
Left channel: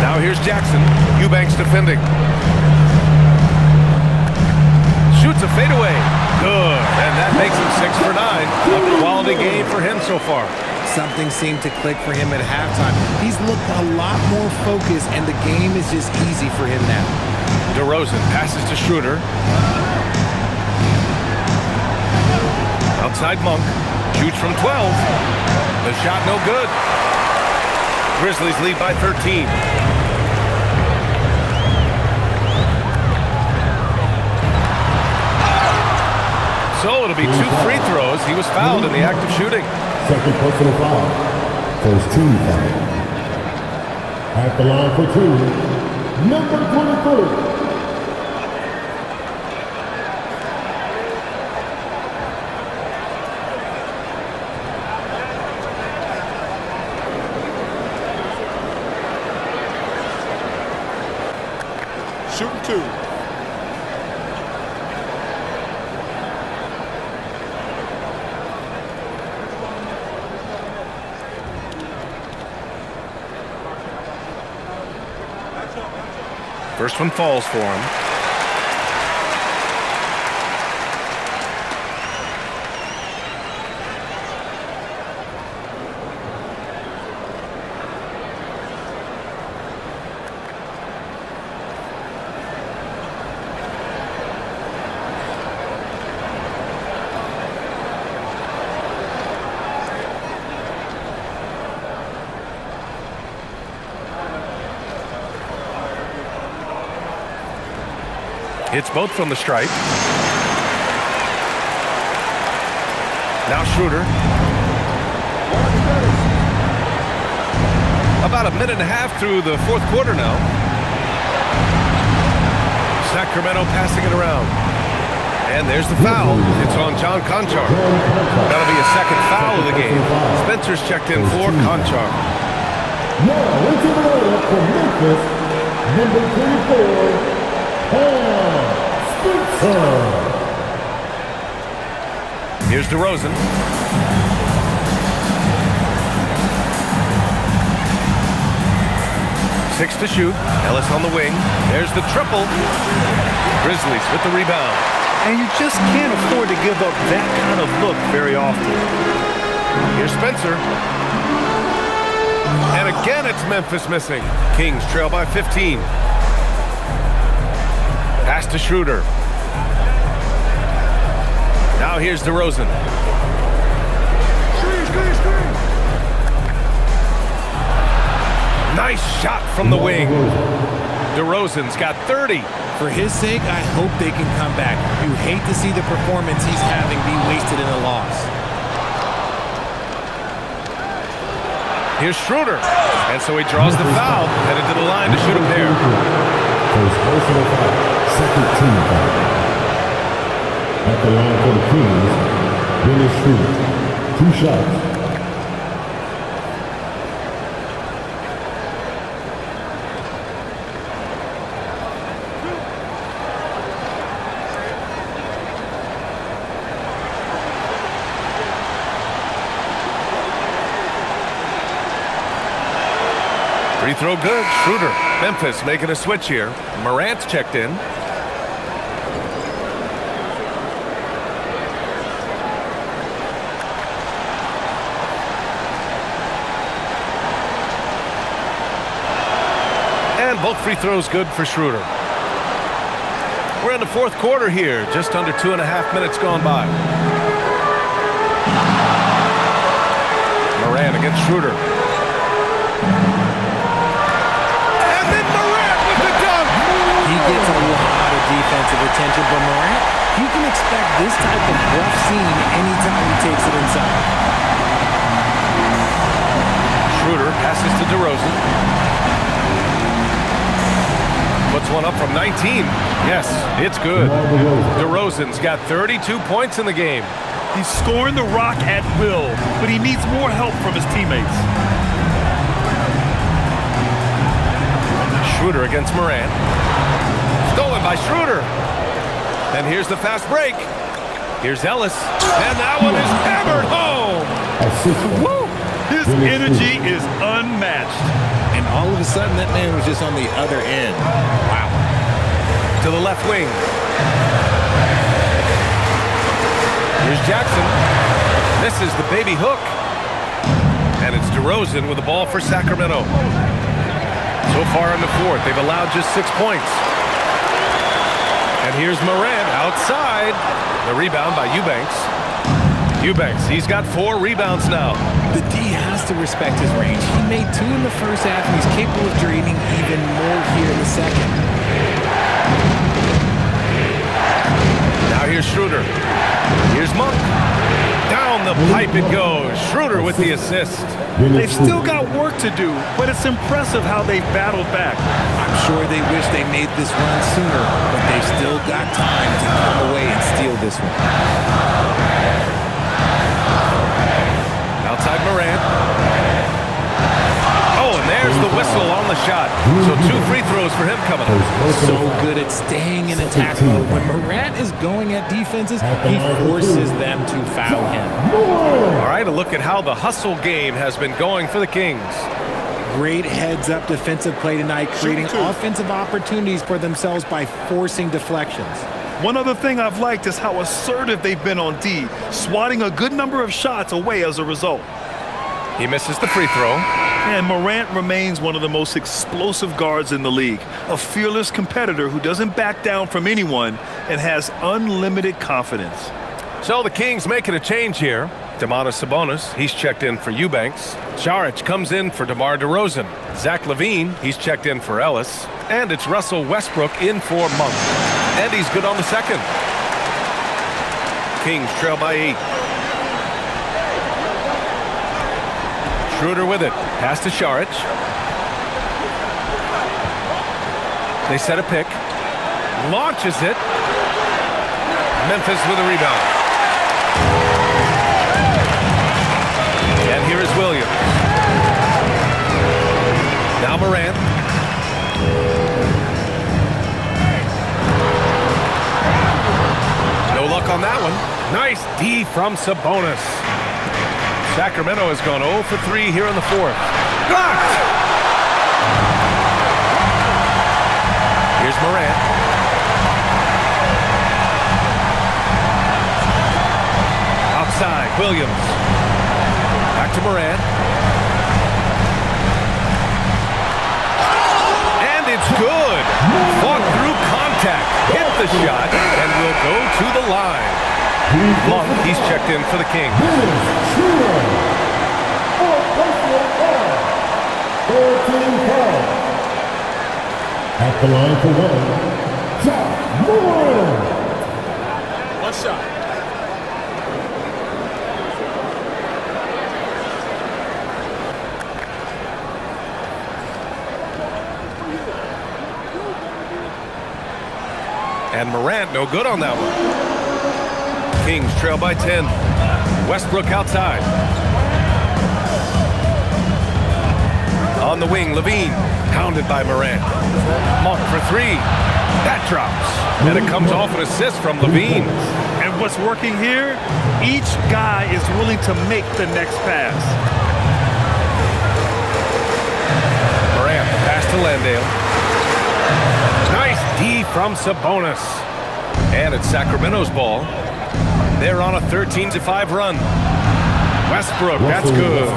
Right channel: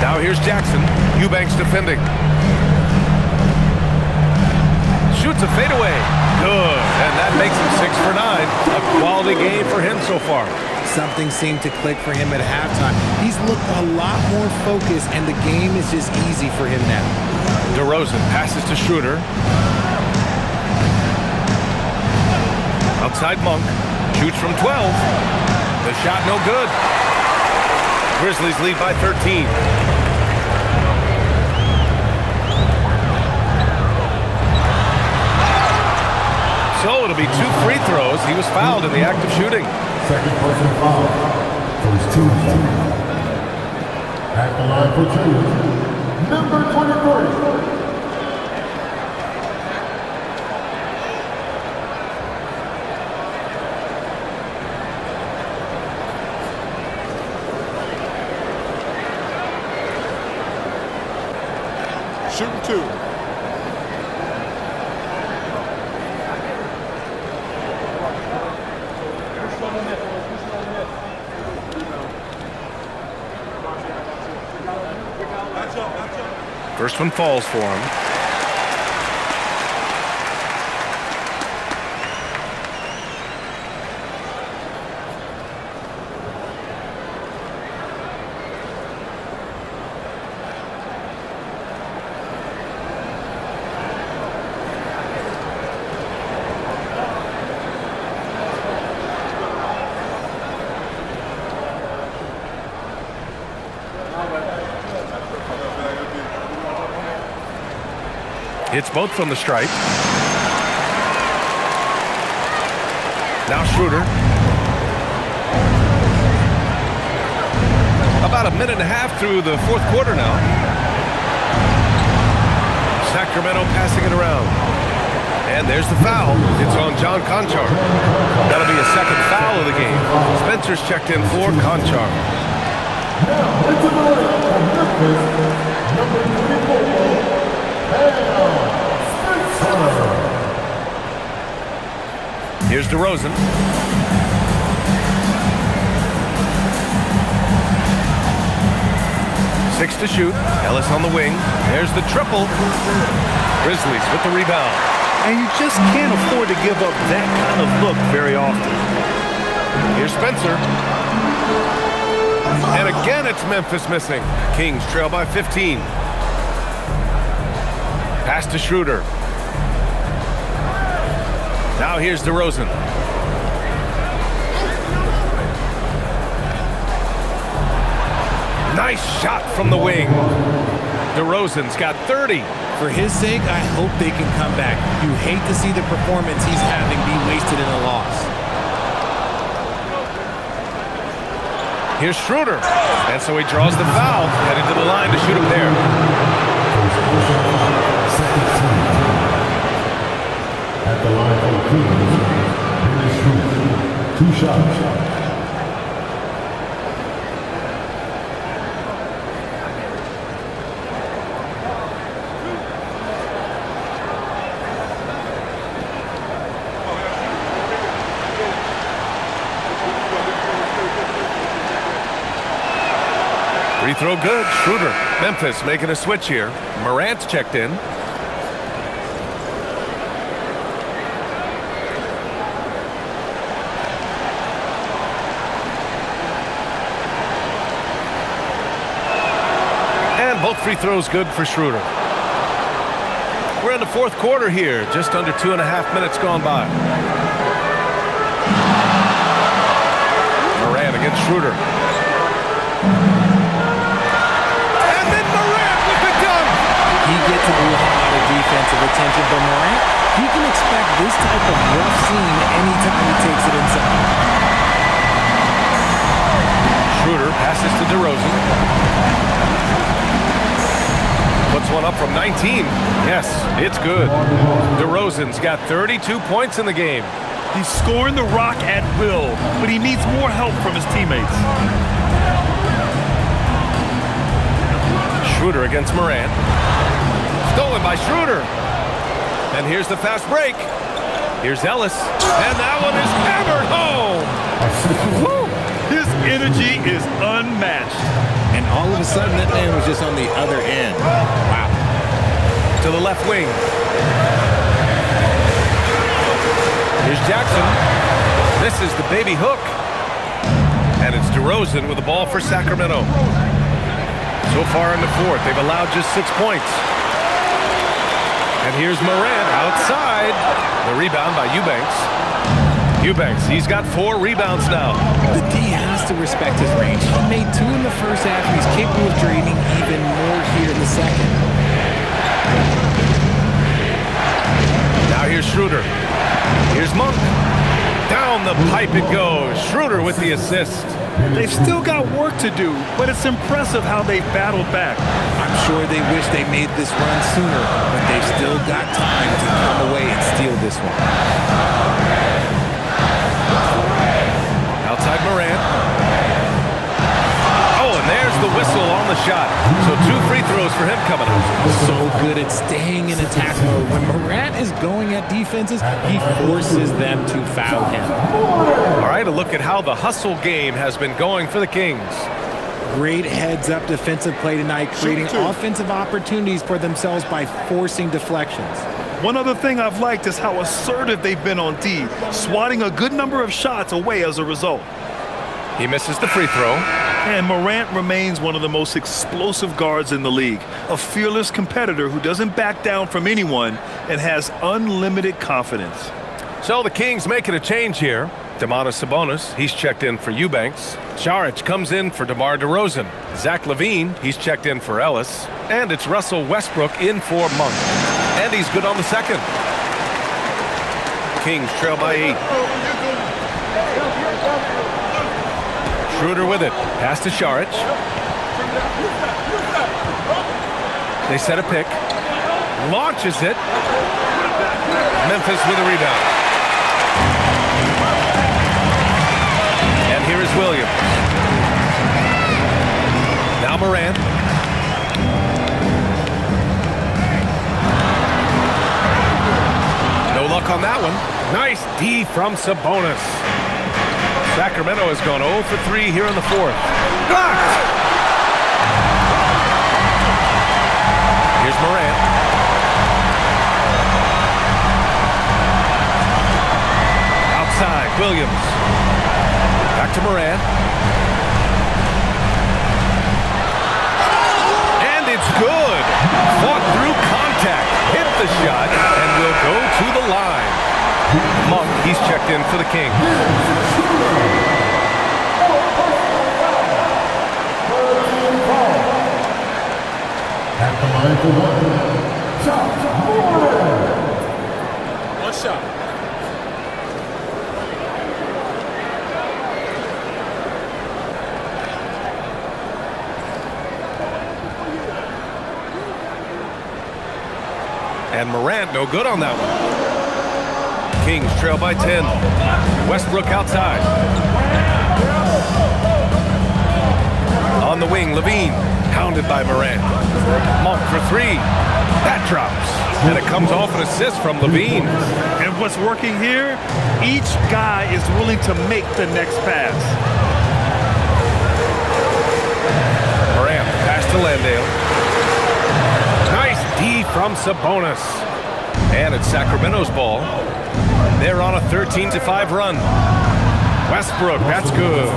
Now here's Jackson. Eubanks defending. Shoots a fadeaway. Good. And that makes him 6 for 9. A quality game for him so far. Something seemed to click for him at halftime. He's looked a lot more focused, and the game is just easy for him now. DeRozan passes to Schroeder. Outside Monk. Shoots from 12. The shot no good. Grizzlies lead by 13. So it'll be 2 free throws. He was fouled in the act of shooting. Second personal foul. First team foul. At the line for 2, number 23. Shooting 2. First one falls for him. Hits both from the stripe. Now Schroeder. About a minute and a half through the fourth quarter now. Sacramento passing it around. And there's the foul. It's on John Conchar. That'll be a second foul of the game. Spencer's checked in for Conchar. Now into the lineup for Memphis, number 24, Spencer. Here's DeRozan. Six to shoot. Ellis on the wing. There's the triple. Grizzlies with the rebound. And you just can't afford to give up that kind of look very often. Here's Spencer. And again, it's Memphis missing. Kings trail by 15. Pass to Schroeder. Now here's DeRozan. Nice shot from the wing. DeRozan's got 30. For his sake, I hope they can come back. You hate to see the performance he's having be wasted in a loss. Here's Schroeder. And so he draws the foul, headed to the line to shoot a pair. First personal foul, second team foul. At the line for the Kings, Dennis Schroeder. 2 shots. Free throw good. Schroeder. Memphis making a switch here. Morant's checked in. And both free throws good for Schroeder. We're in the fourth quarter here. Just under 2.5 minutes gone by. Morant against Schroeder. He gets a lot of defensive attention, but Morant, he can expect this type of rough scene anytime he takes it inside. Schroeder passes to DeRozan. Puts one up from 19. Yes, it's good. DeRozan's got 32 points in the game. He's scoring the rock at will, but he needs more help from his teammates. Schroeder against Morant. Stolen by Schroeder. And here's the fast break. Here's Ellis. And that one is hammered home. Woo! His energy is unmatched. And all of a sudden, that man was just on the other end. Wow. To the left wing. Here's Jackson. Misses the baby hook. And it's DeRozan with the ball for Sacramento. So far in the fourth, they've allowed just 6 points. And here's Morant outside. The rebound by Eubanks. Eubanks, he's got 4 rebounds now. The D has to respect his range. He made 2 in the first half, and he's capable of draining even more here in the second. Now here's Schroeder. Here's Monk. Down the pipe it goes. Schroeder with the assist. They've still got work to do, but it's impressive how they've battled back. I'm sure they wish they made this run sooner, but they've still got time to come away and steal this one. Outside Morant. Oh, and there's the whistle on the shot. So 2 free throws for him coming up. So good at staying in attack mode. When Morant is going at defenses, he forces them to foul him. All right, a look at how the hustle game has been going for the Kings. Great heads-up defensive play tonight, creating offensive opportunities for themselves by forcing deflections. One other thing I've liked is how assertive they've been on D, swatting a good number of shots away as a result. He misses the free throw. And Morant remains one of the most explosive guards in the league, a fearless competitor who doesn't back down from anyone and has unlimited confidence. So the Kings making a change here. Domantas Sabonis, he's checked in for Eubanks. Saric comes in for DeMar DeRozan. Zach LaVine, he's checked in for Ellis. And it's Russell Westbrook in for Monk. And he's good on the second. Kings trail by 8. Schroeder with it. Pass to Šarić. They set a pick. Launches it. Memphis with a rebound. And here is Williams. Now Morant. No luck on that one. Nice D from Sabonis. Sacramento has gone 0 for 3 here in the fourth. Blocked! Here's Morant. Outside, Williams. Back to Morant. And it's good. Fought through contact. Hit the shot and will go to the line. Monk, he's checked in for the Kings. At the line for One shot. And Morant, no good on that one. Kings trail by 10. Westbrook outside. On the wing, Levine, pounded by Morant. Monk for 3. That drops. And it comes off an assist from Levine. And what's working here, each guy is willing to make the next pass. Morant, pass to Landale. Nice D from Sabonis. And it's Sacramento's ball. They're on a 13-5 run. Westbrook, that's good.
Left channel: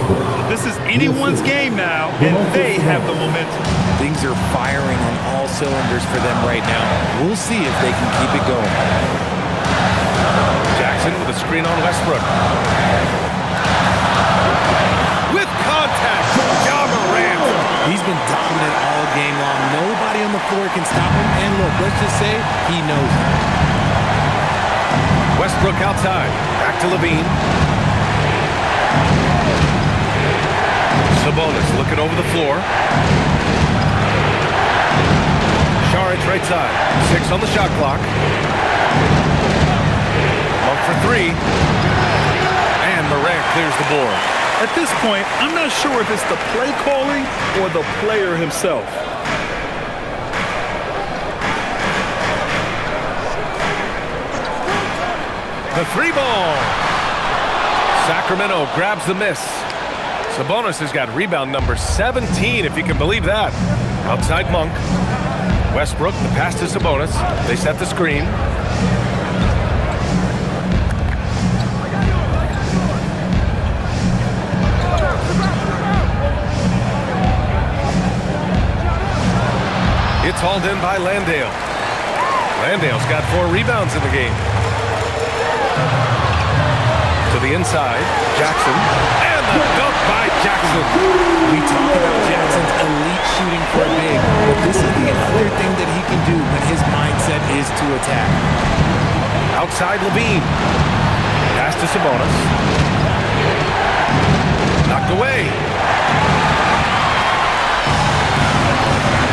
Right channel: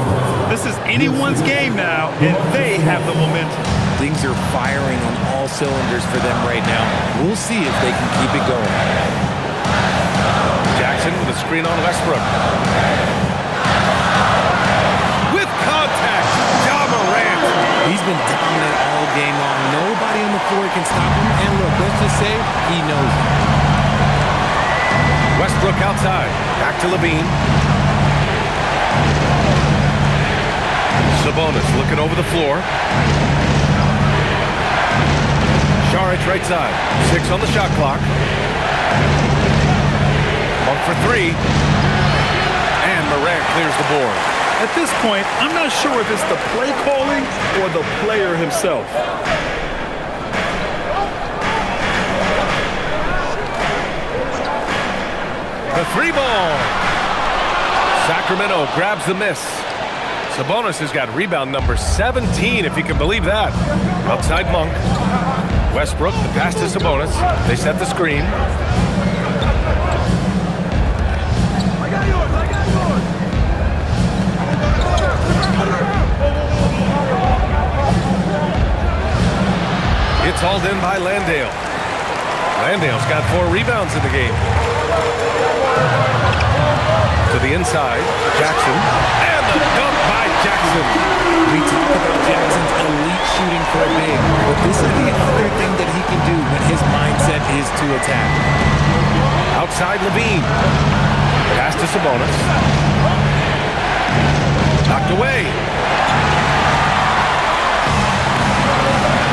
This is anyone's game now, and they have the momentum. Things are firing on all cylinders for them right now. We'll see if they can keep it going. Jackson with a screen on Westbrook. With contact, Ja Morant. He's been dominant all game long. Nobody on the floor can stop him. And look, let's just say he knows it. Westbrook outside. Back to Levine. Sabonis looking over the floor. Šarić right side. 6 on the shot clock. Monk for 3. And Morant clears the board. At this point, I'm not sure if it's the play calling or the player himself. The 3 ball. Sacramento grabs the miss. Sabonis has got rebound number 17, if you can believe that. Outside Monk. Westbrook, the pass to Sabonis. They set the screen. It's hauled in by Landale. Landale's got 4 rebounds in the game. To the inside, Jackson. And the dunk by Jackson. We talk about Jackson's elite shooting for a big, but this is the other thing that he can do when his mindset is to attack. Outside Levine. Pass to Sabonis. Knocked away.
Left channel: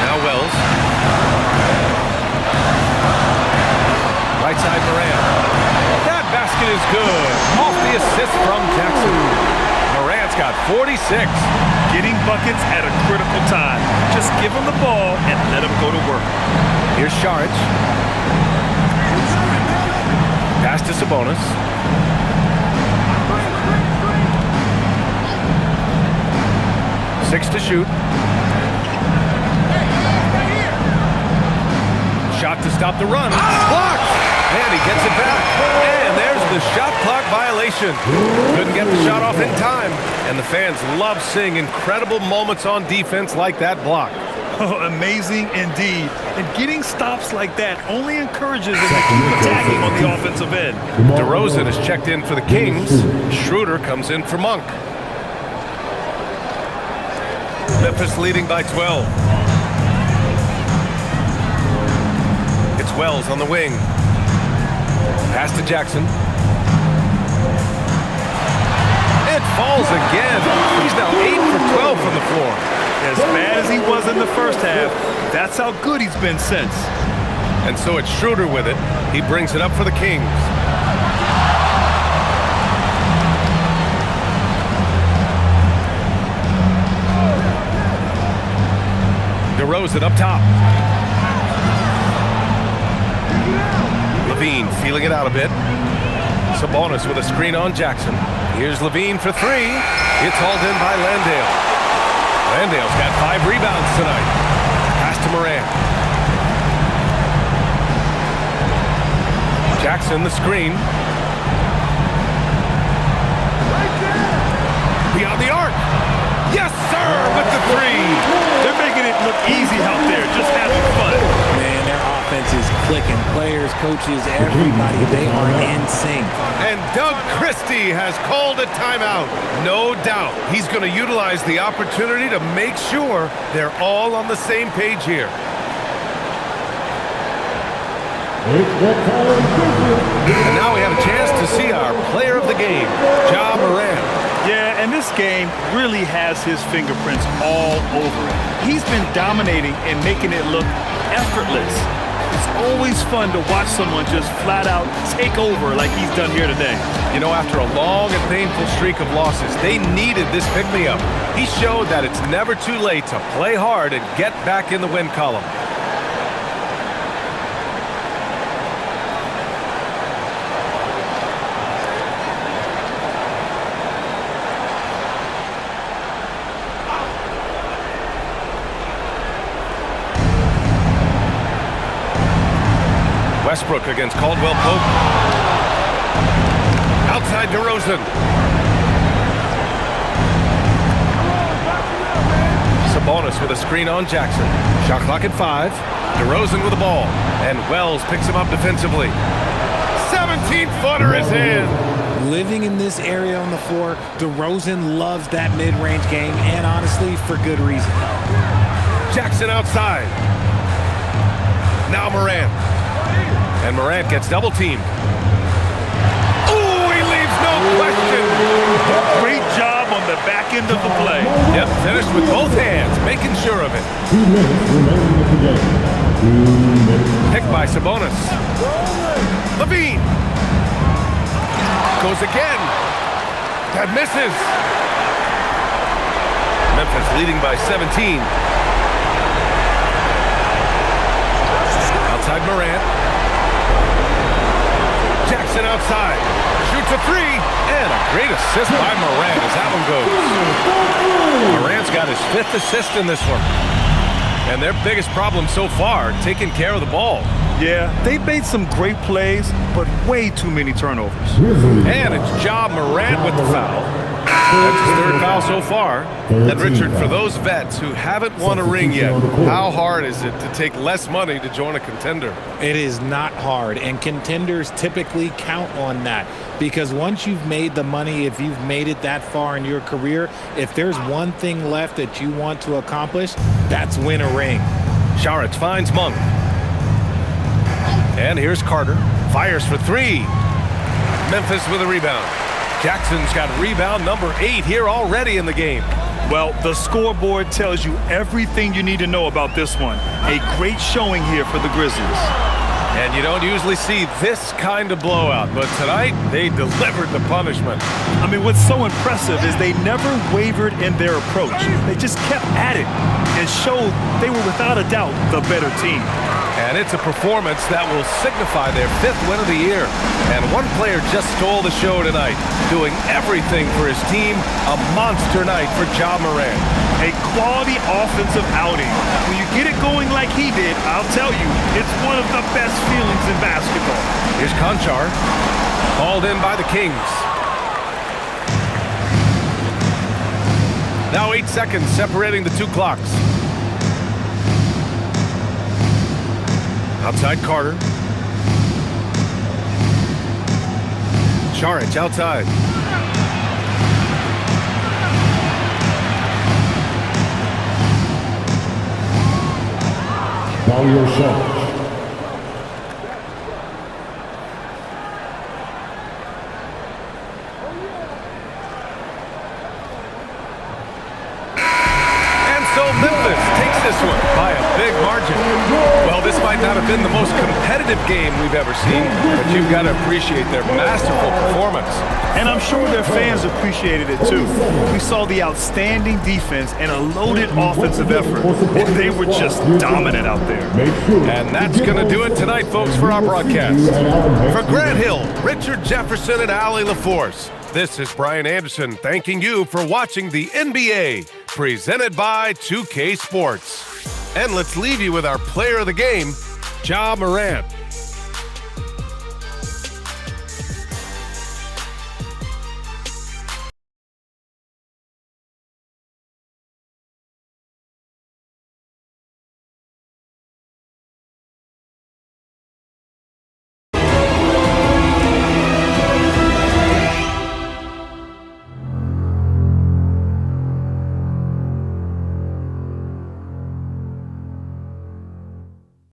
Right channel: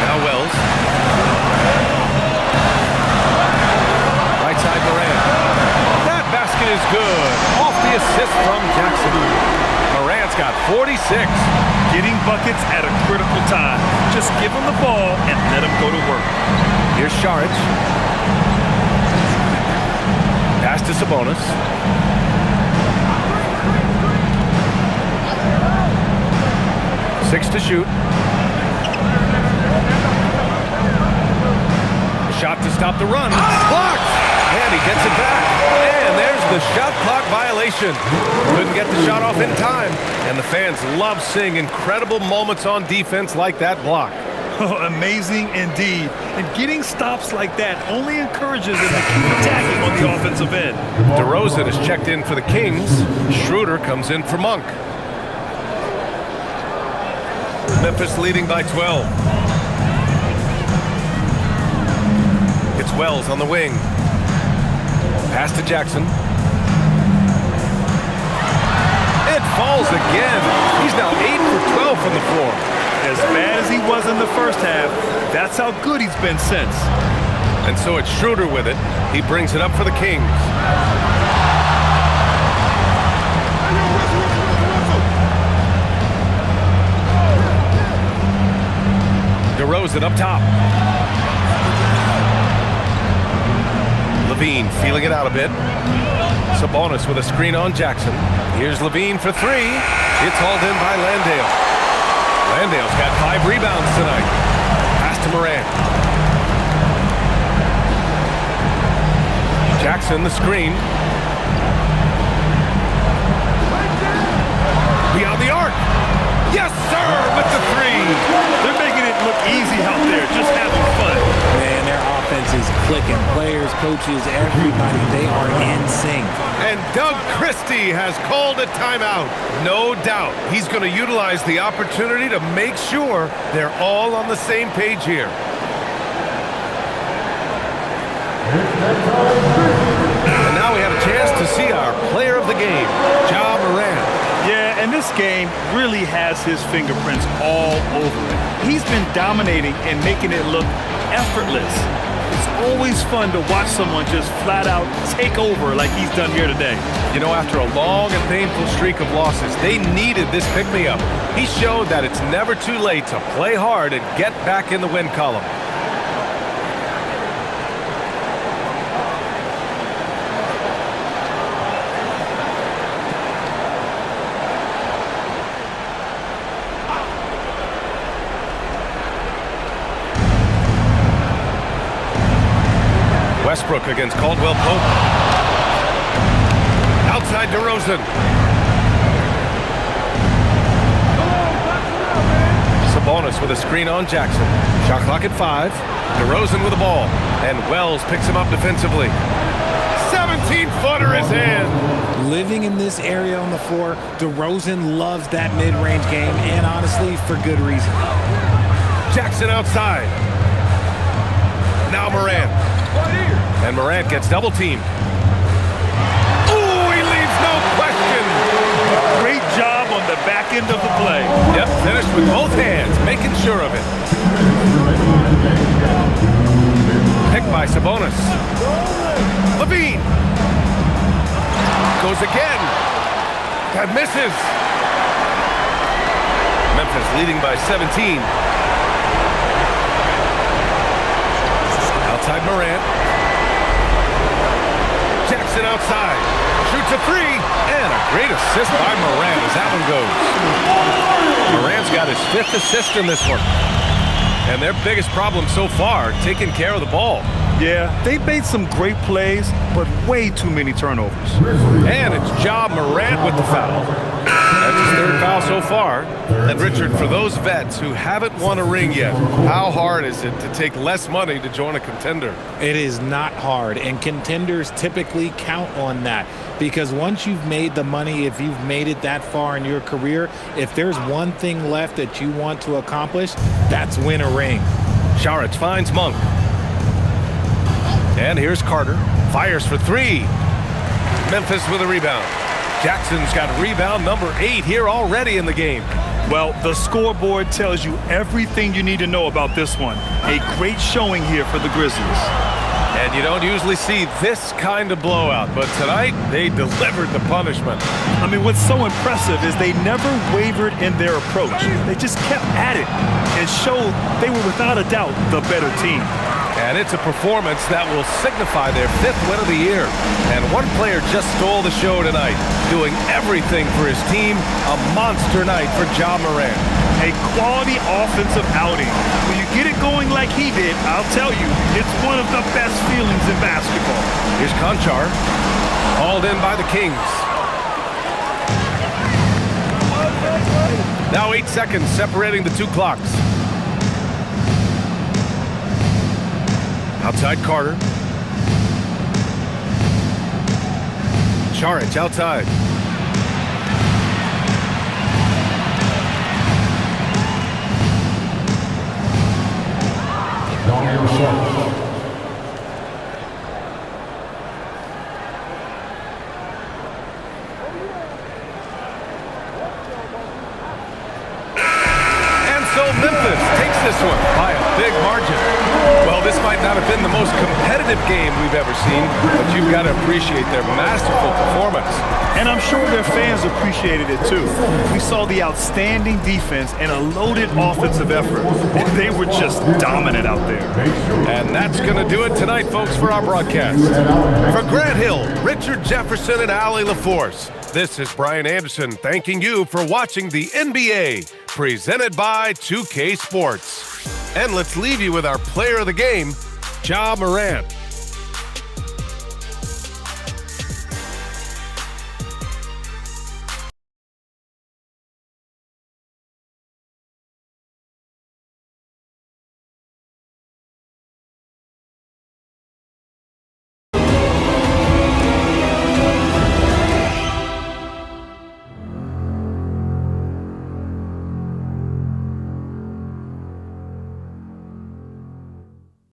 Now Wells. Right side Morant. That basket is good. Off the assist from Jackson. Morant's got 46. Getting buckets at a critical time. Just give him the ball and let him go to work. Here's Šarić. Pass to Sabonis. Six to shoot. Shot to stop the run. Blocked! And he gets it back. And there's the shot clock violation. Couldn't get the shot off in time. And the fans love seeing incredible moments on defense like that block. Oh, amazing indeed. And getting stops like that only encourages them to keep attacking on the offensive end. DeRozan is checked in for the Kings. Schroeder comes in for Monk. Memphis leading by 12. It's Wells on the wing. Pass to Jackson. It falls again. He's now 8 for 12 from the floor. As bad as he was in the first half, that's how good he's been since. And so it's Schroeder with it. He brings it up for the Kings. DeRozan up top. Levine feeling it out a bit. Sabonis with a screen on Jackson. Here's Levine for three. It's hauled in by Landale. Landale's got 5 rebounds tonight. Pass to Morant. Jackson the screen. Beyond the arc. Yes, sir, with the three. They're making it look easy out there, just having fun. Man, their offense is clicking. Players, coaches, everybody, they are in sync. And Doug Christie has called a timeout. No doubt he's going to utilize the opportunity to make sure they're all on the same page here. And now we have a chance to see our player of the game, Ja Morant. Yeah, and this game really has his fingerprints all over it. He's been dominating and making it look effortless. It's always fun to watch someone just flat out take over like he's done here today. You know, after a long and painful streak of losses, they needed this pick-me-up. He showed that it's never too late to play hard and get back in the win column. Westbrook against Caldwell Pope. Outside DeRozan. Sabonis with a screen on Jackson. Shot clock at 5. DeRozan with the ball. And Wells picks him up defensively. 17-footer is in. Living in this area on the floor, DeRozan loves that mid-range game, and honestly, for good reason. Jackson outside. Now Morant. And Morant gets double-teamed. Ooh, he leaves no question. Great job on the back end of the play. Yep, finished with both hands, making sure of it. 2 minutes remaining in the game. 2 minutes. Picked by Sabonis. Levine. Goes again. That misses. Memphis leading by 17. Outside Morant. Jackson outside. Shoots a three. And a great assist by Morant as that one goes. Morant's got his 5th assist in this one. And their biggest problem so far, taking care of the ball. Yeah, they've made some great plays, but way too many turnovers. And it's Ja Morant with the foul. That's his 3rd foul so far. And Richard, for those vets who haven't won a ring yet, how hard is it to take less money to join a contender? It is not hard, and contenders typically count on that, because once you've made the money, if you've made it that far in your career, if there's one thing left that you want to accomplish, that's win a ring. Saric finds Monk. And here's Carter. Fires for 3. Memphis with a rebound. Jackson's got rebound number 8 here already in the game. Well, the scoreboard tells you everything you need to know about this one. A great showing here for the Grizzlies. And you don't usually see this kind of blowout, but tonight they delivered the punishment. I mean, what's so impressive is they never wavered in their approach. They just kept at it and showed they were without a doubt the better team. And it's a performance that will signify their 5th win of the year. And one player just stole the show tonight, doing everything for his team. A monster night for Ja Morant. A quality offensive outing. When you get it going like he did, I'll tell you, it's one of the best feelings in basketball. Here's Conchar, hauled in by the Kings. Now 8 seconds separating the 2 clocks. Outside Carter. Saric outside. Dario Saric. margin. Well, this might not have been the most competitive game we've ever seen, but you've got to appreciate their masterful performance. And I'm sure their fans appreciated it too. We saw the outstanding defense and a loaded offensive effort. And they were just dominant out there. And that's going to do it tonight, folks, for our broadcast. For Grant Hill, Richard Jefferson, and Allie LaForce, this is Brian Anderson thanking you for watching the NBA, presented by 2K Sports. And let's leave you with our player of the game, Ja Morant.